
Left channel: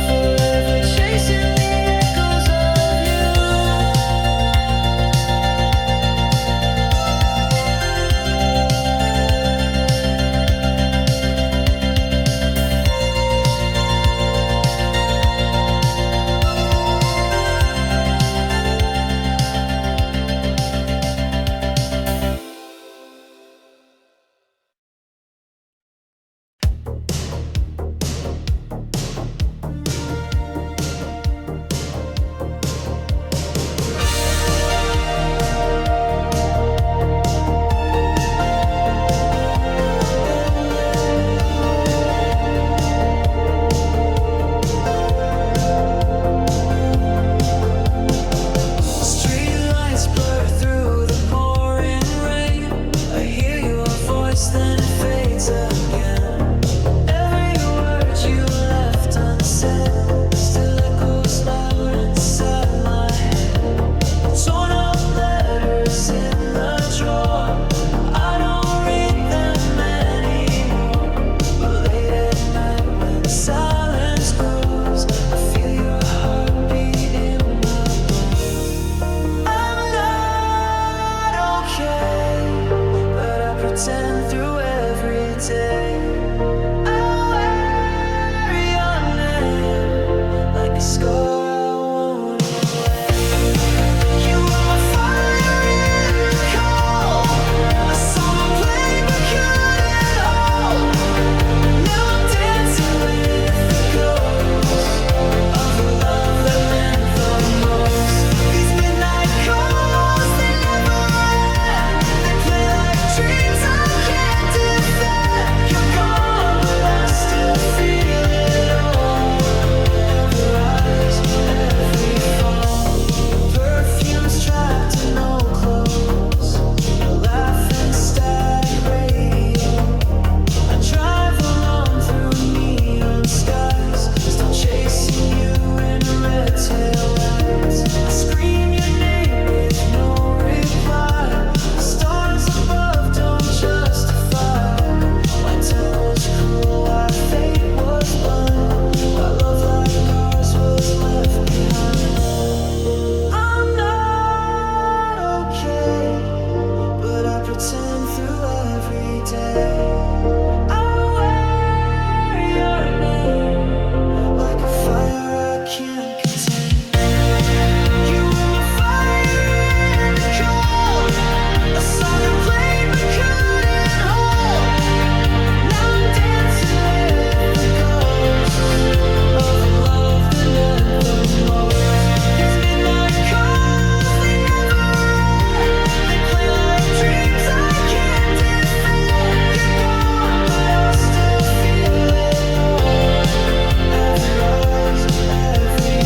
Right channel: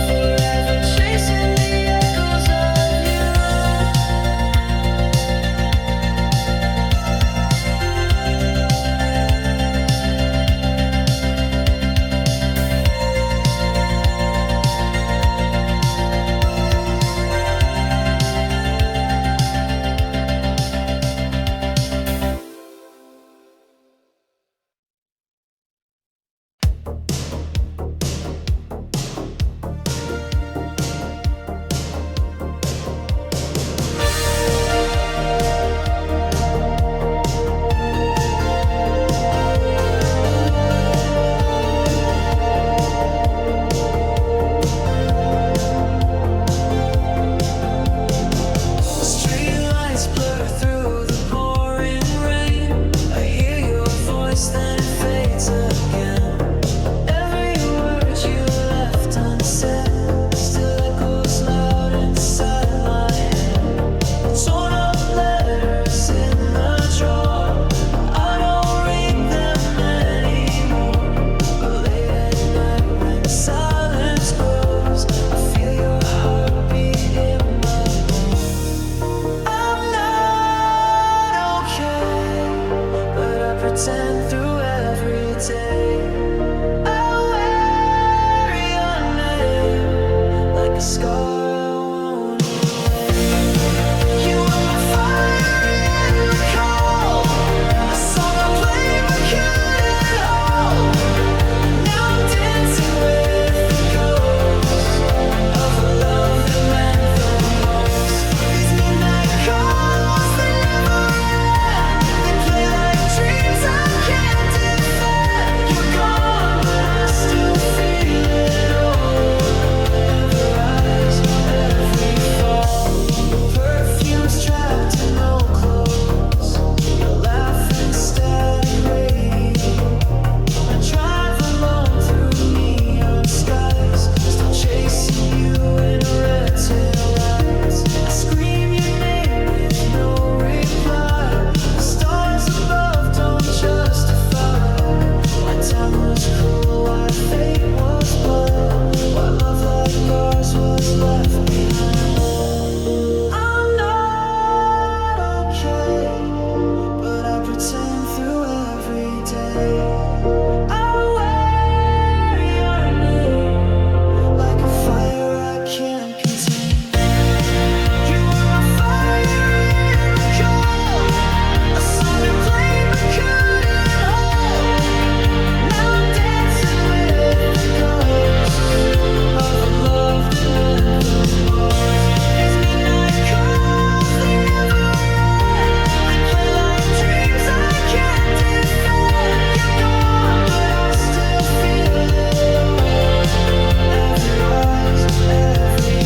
forever chasing the echoes of you. Streetlights blur through the pouring rain. I hear your voice, then it fades again. Every word you left unsaid still echoes loud inside my head. Torn up letters in the drawer, I don't read them anymore. But late at night when silence grows, I feel your heartbeat in my bones. I'm not okay, but I pretend through every day. I wear your name like a scar I won't erase. You were my fire in the cold, a song I played but couldn't hold. Now I'm dancing with the ghosts of the love that meant the most. These midnight calls, they never end. They play like dreams I can't defend. You're gone, but I still feel it all. Every rise, every fall. Your perfume's trapped in old clothes. Your laughing static radio. I drive alone through neon skies, still chasing you in red tail lights. I scream your name with no reply. The stars above don't justify why time was cruel, why fate was blind, why love like ours was left behind. I'm not okay, but I pretend through every day. I wear your name like a fire I can't contain. You were my fire in the cold, a song I played but couldn't hold. Now I'm dancing with the ghosts of the love that meant the most. These midnight calls, they never end. They play like dreams I can't defend. You're gone, but I still feel it all. Every rise, every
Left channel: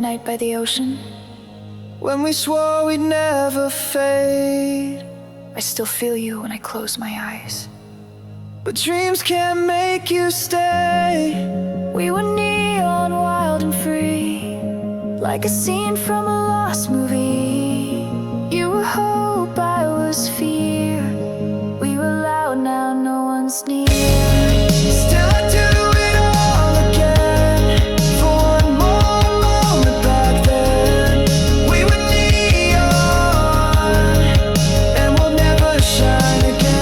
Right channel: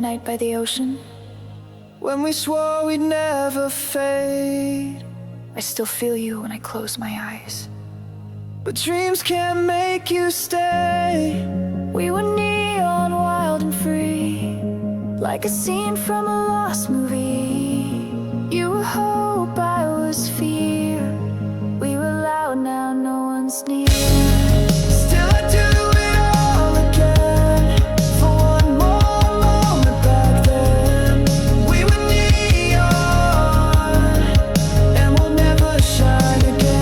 night by the ocean, when we swore we'd never fade. I still feel you when I close my eyes, but dreams can't make you stay. We were neon, wild and free, like a scene from a lost movie. You were hope, I was fear. We were loud, now no one's near. Still I do it all again, for one more moment back then. We were neon, and we'll never shine again.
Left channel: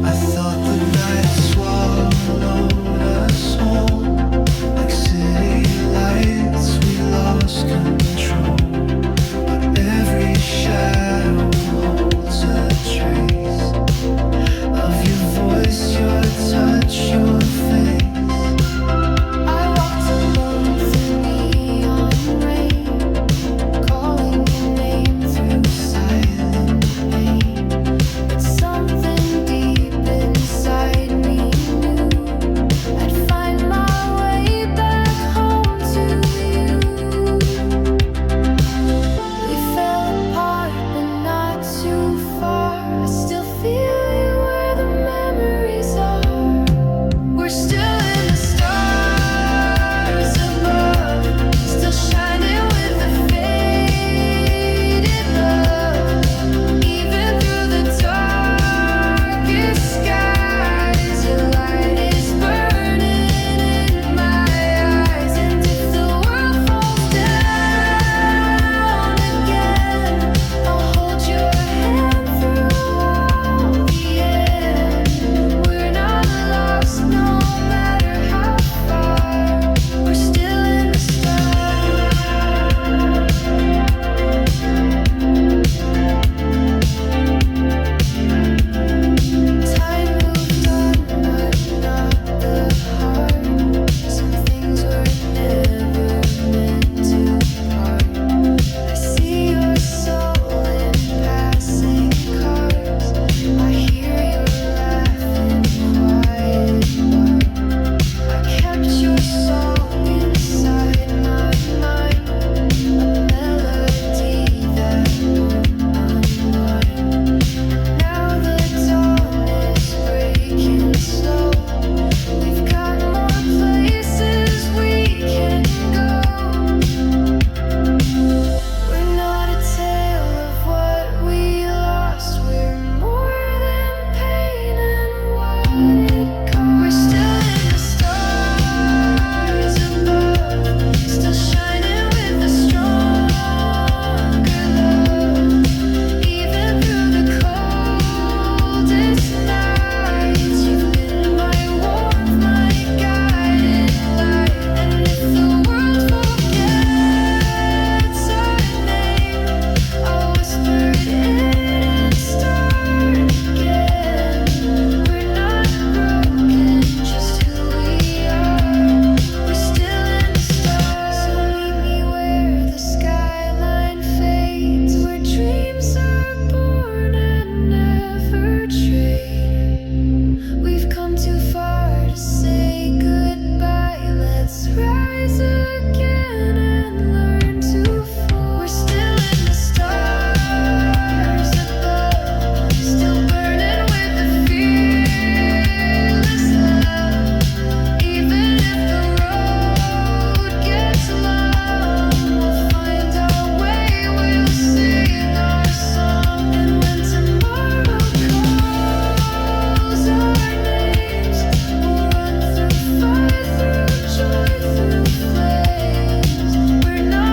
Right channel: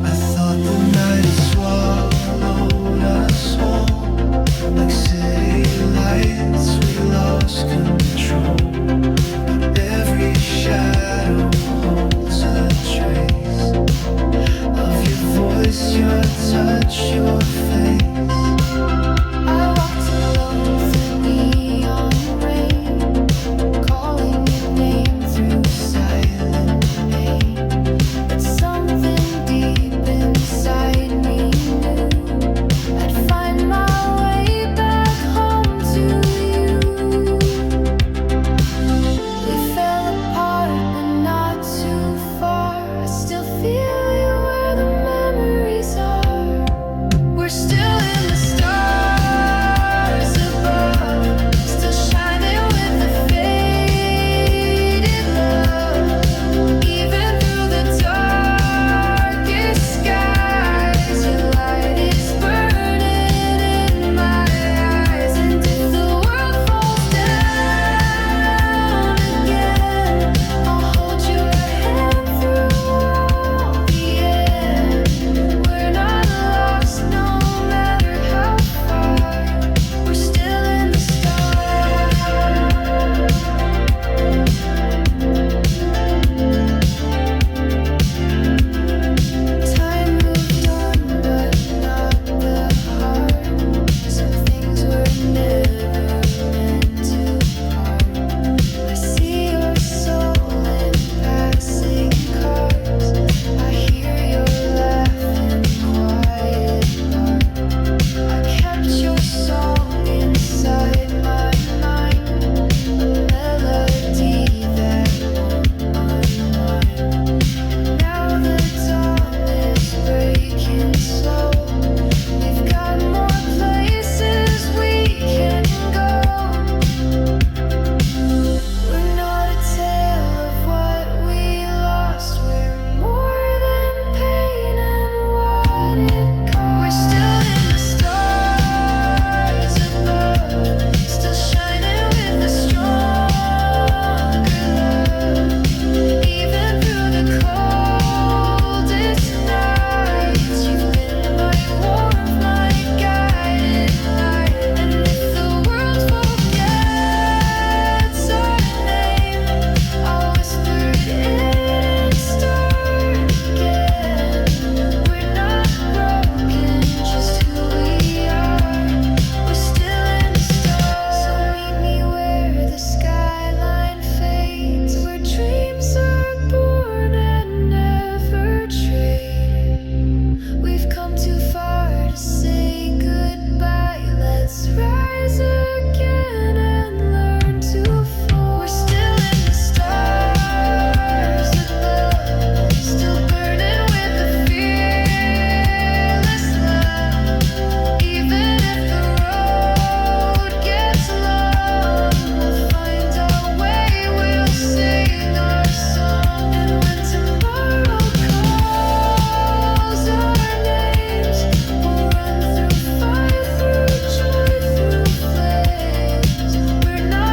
I thought the night had swallowed us whole, like city lights, we lost control. But every shadow holds a trace of your voice, your touch, your face. I walked alone through neon rain, calling your name through silent pain. But something deep inside me knew I'd find my way back home to you. We fell apart, but not too far. I still feel you where the memories are. We're still in the stars above, still shining with the faded love. Even through the darkest skies, your light is burning in my eyes. And if the world falls down again, I'll hold your hand through all the end. We're not lost no matter how far. We're still in the stars. Time moved on, but not the heart. Some things were never meant to part. I see your soul in passing cars. I hear your laugh in quiet bars. I kept your song inside my mind, a melody that won't unwind. Now the dawn is breaking slow. We've got more places we can go. We're not a tale of what we lost. We're more than pain and what it cost. We're still in the stars above, still shining with a stronger love. Even through the coldest nights, you've been my warmth, my guiding light. And if the world forgets our name, I'll whisper it and start again. We're not broken, just who we are. We're still in the stars. So meet me where the skyline fades, where dreams are born and never traded. We've come too far to say goodbye. Let's rise again and learn to fly. We're still in the stars above, still burning with the fearless love. Even if the road gets long, we'll find our way, we'll sing our song. And when tomorrow calls our names, we'll run through fire, through joy, through flames. We're not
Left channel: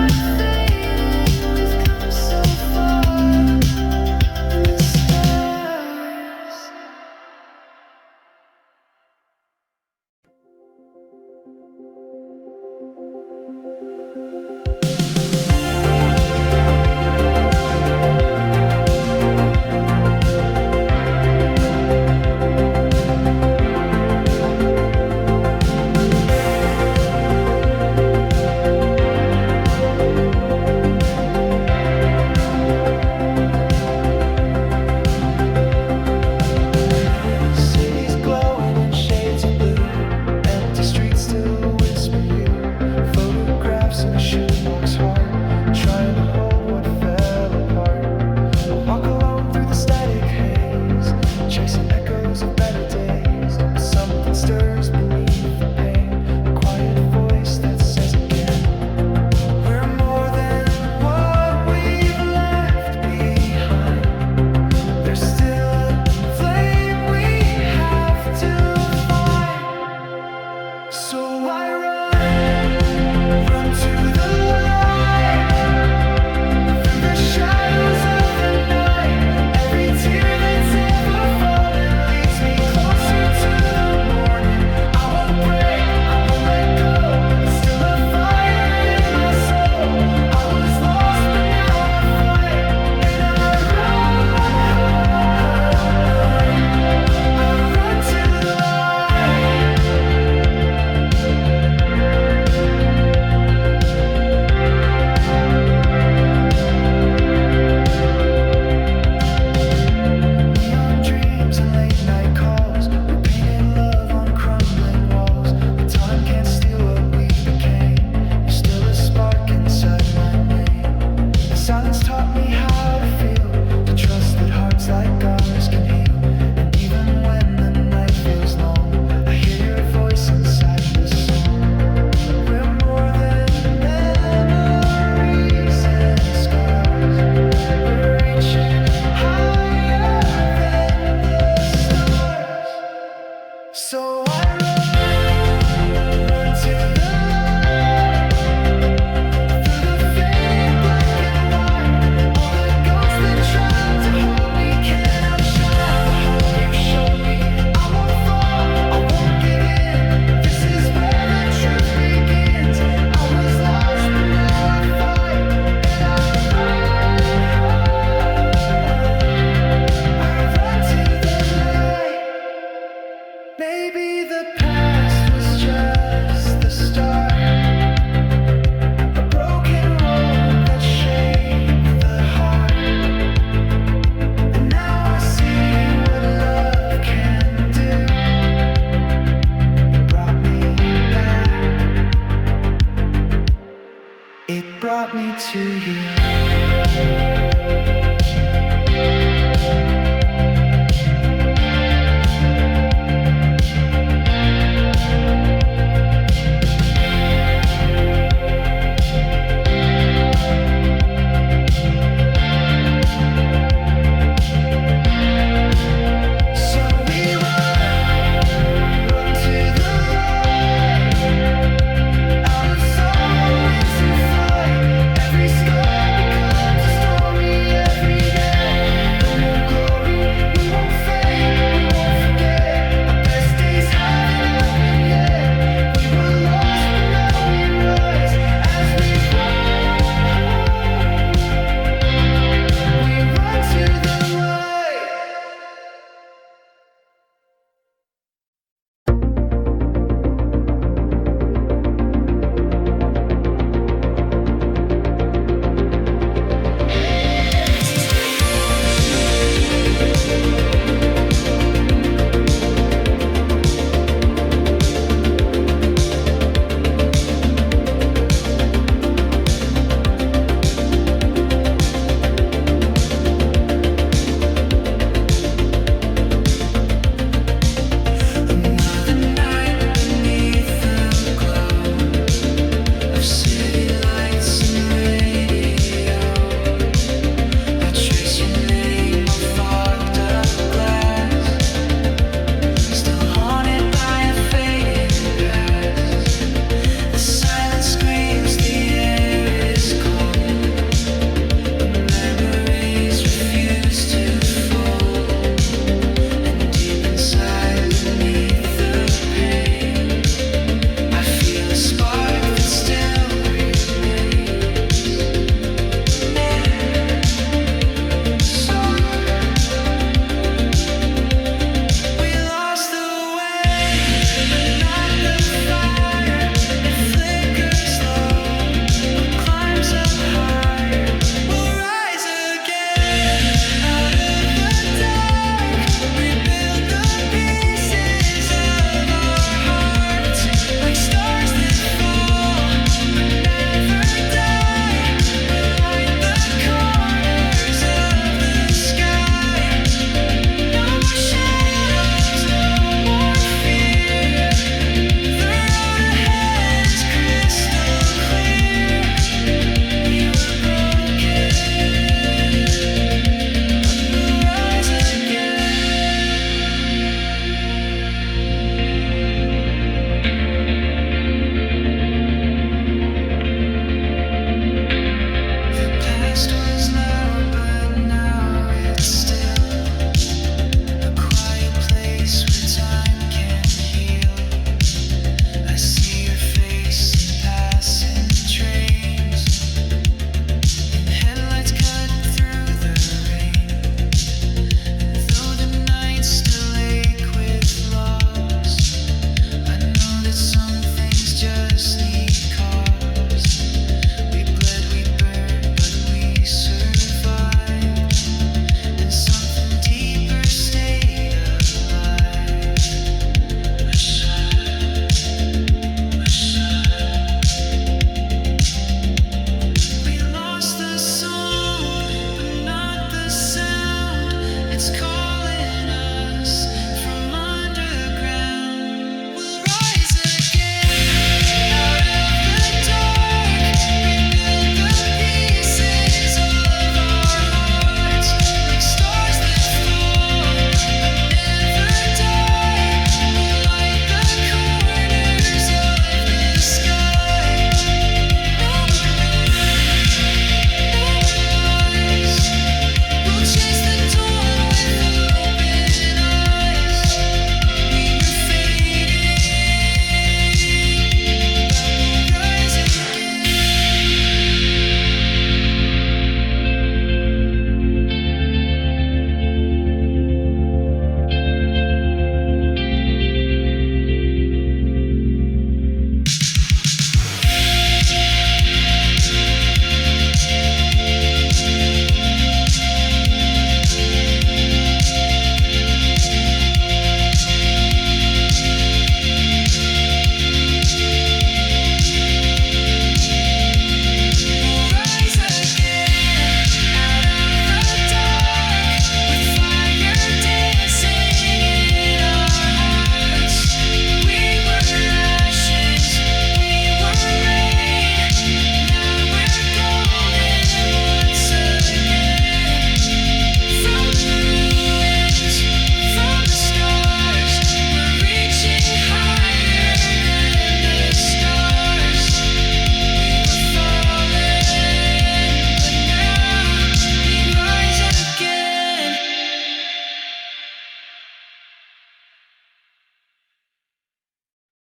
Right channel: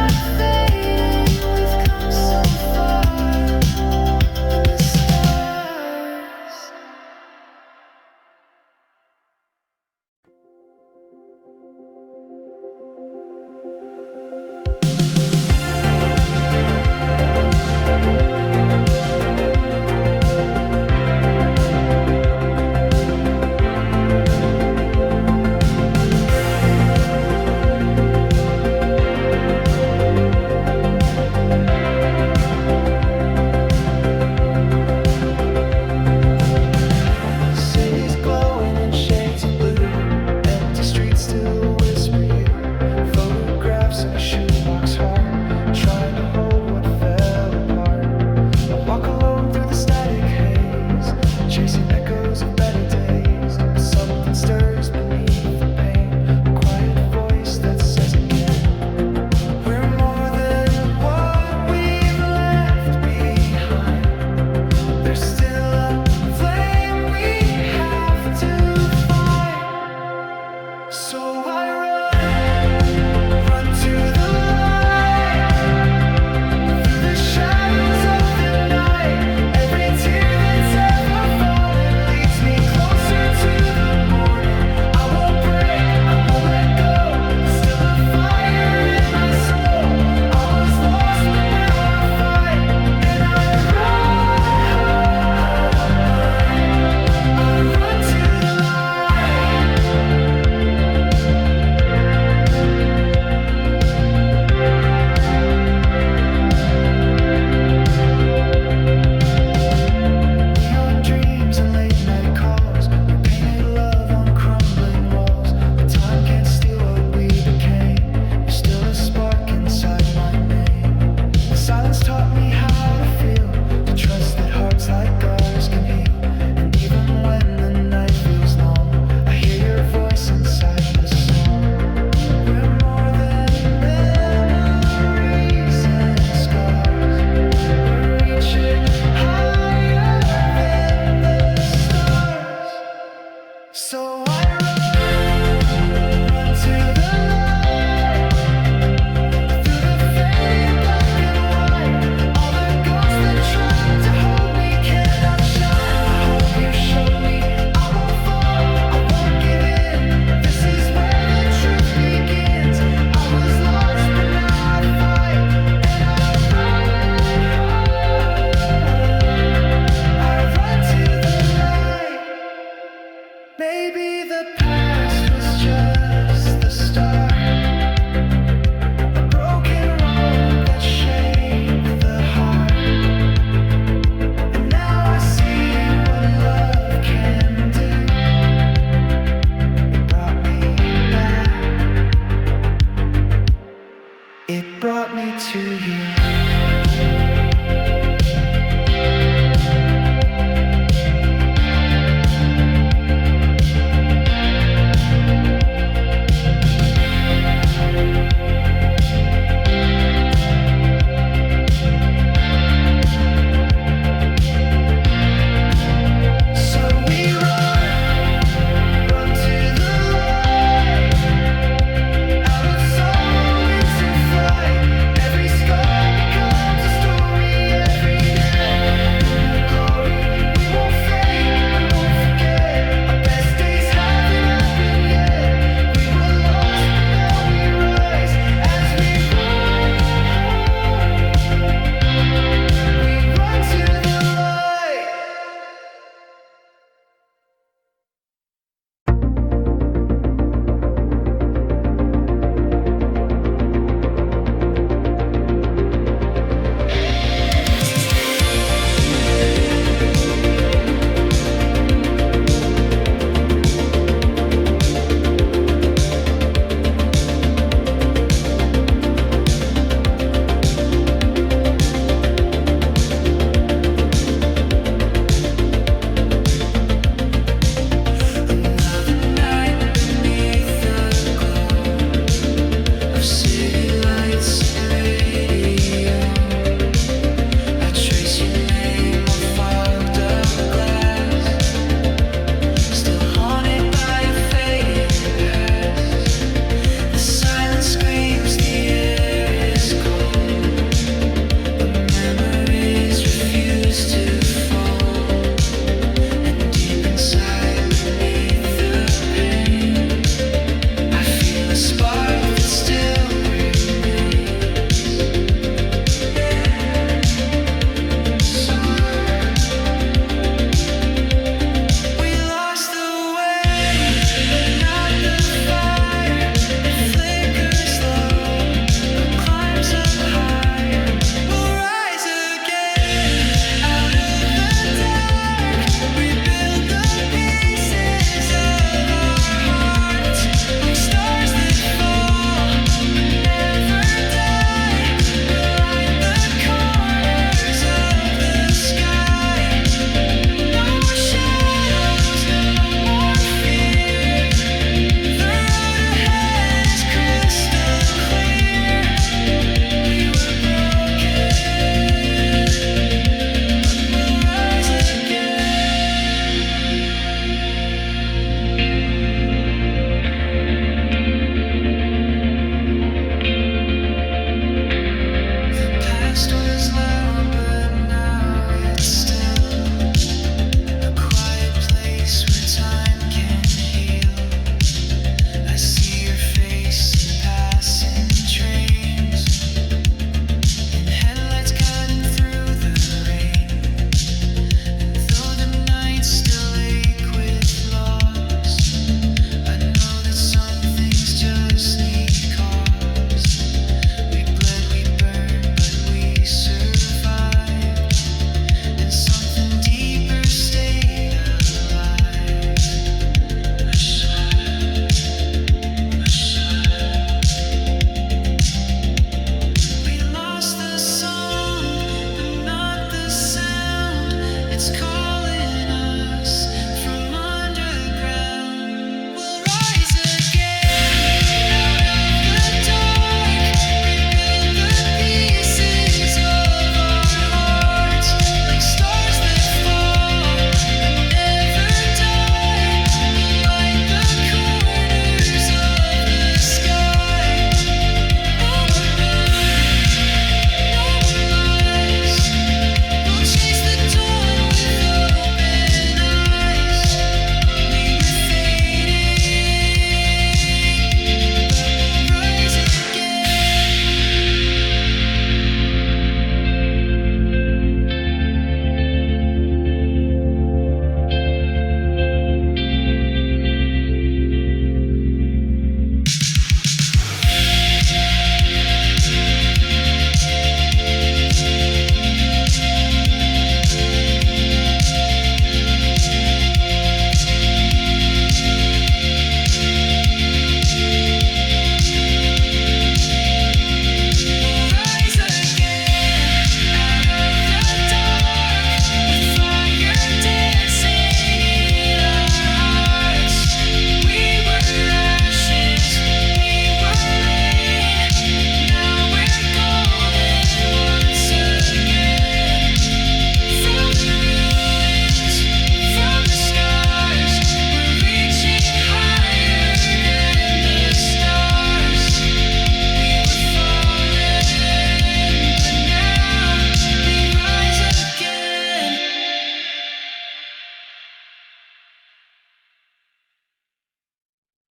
brought me to you. Just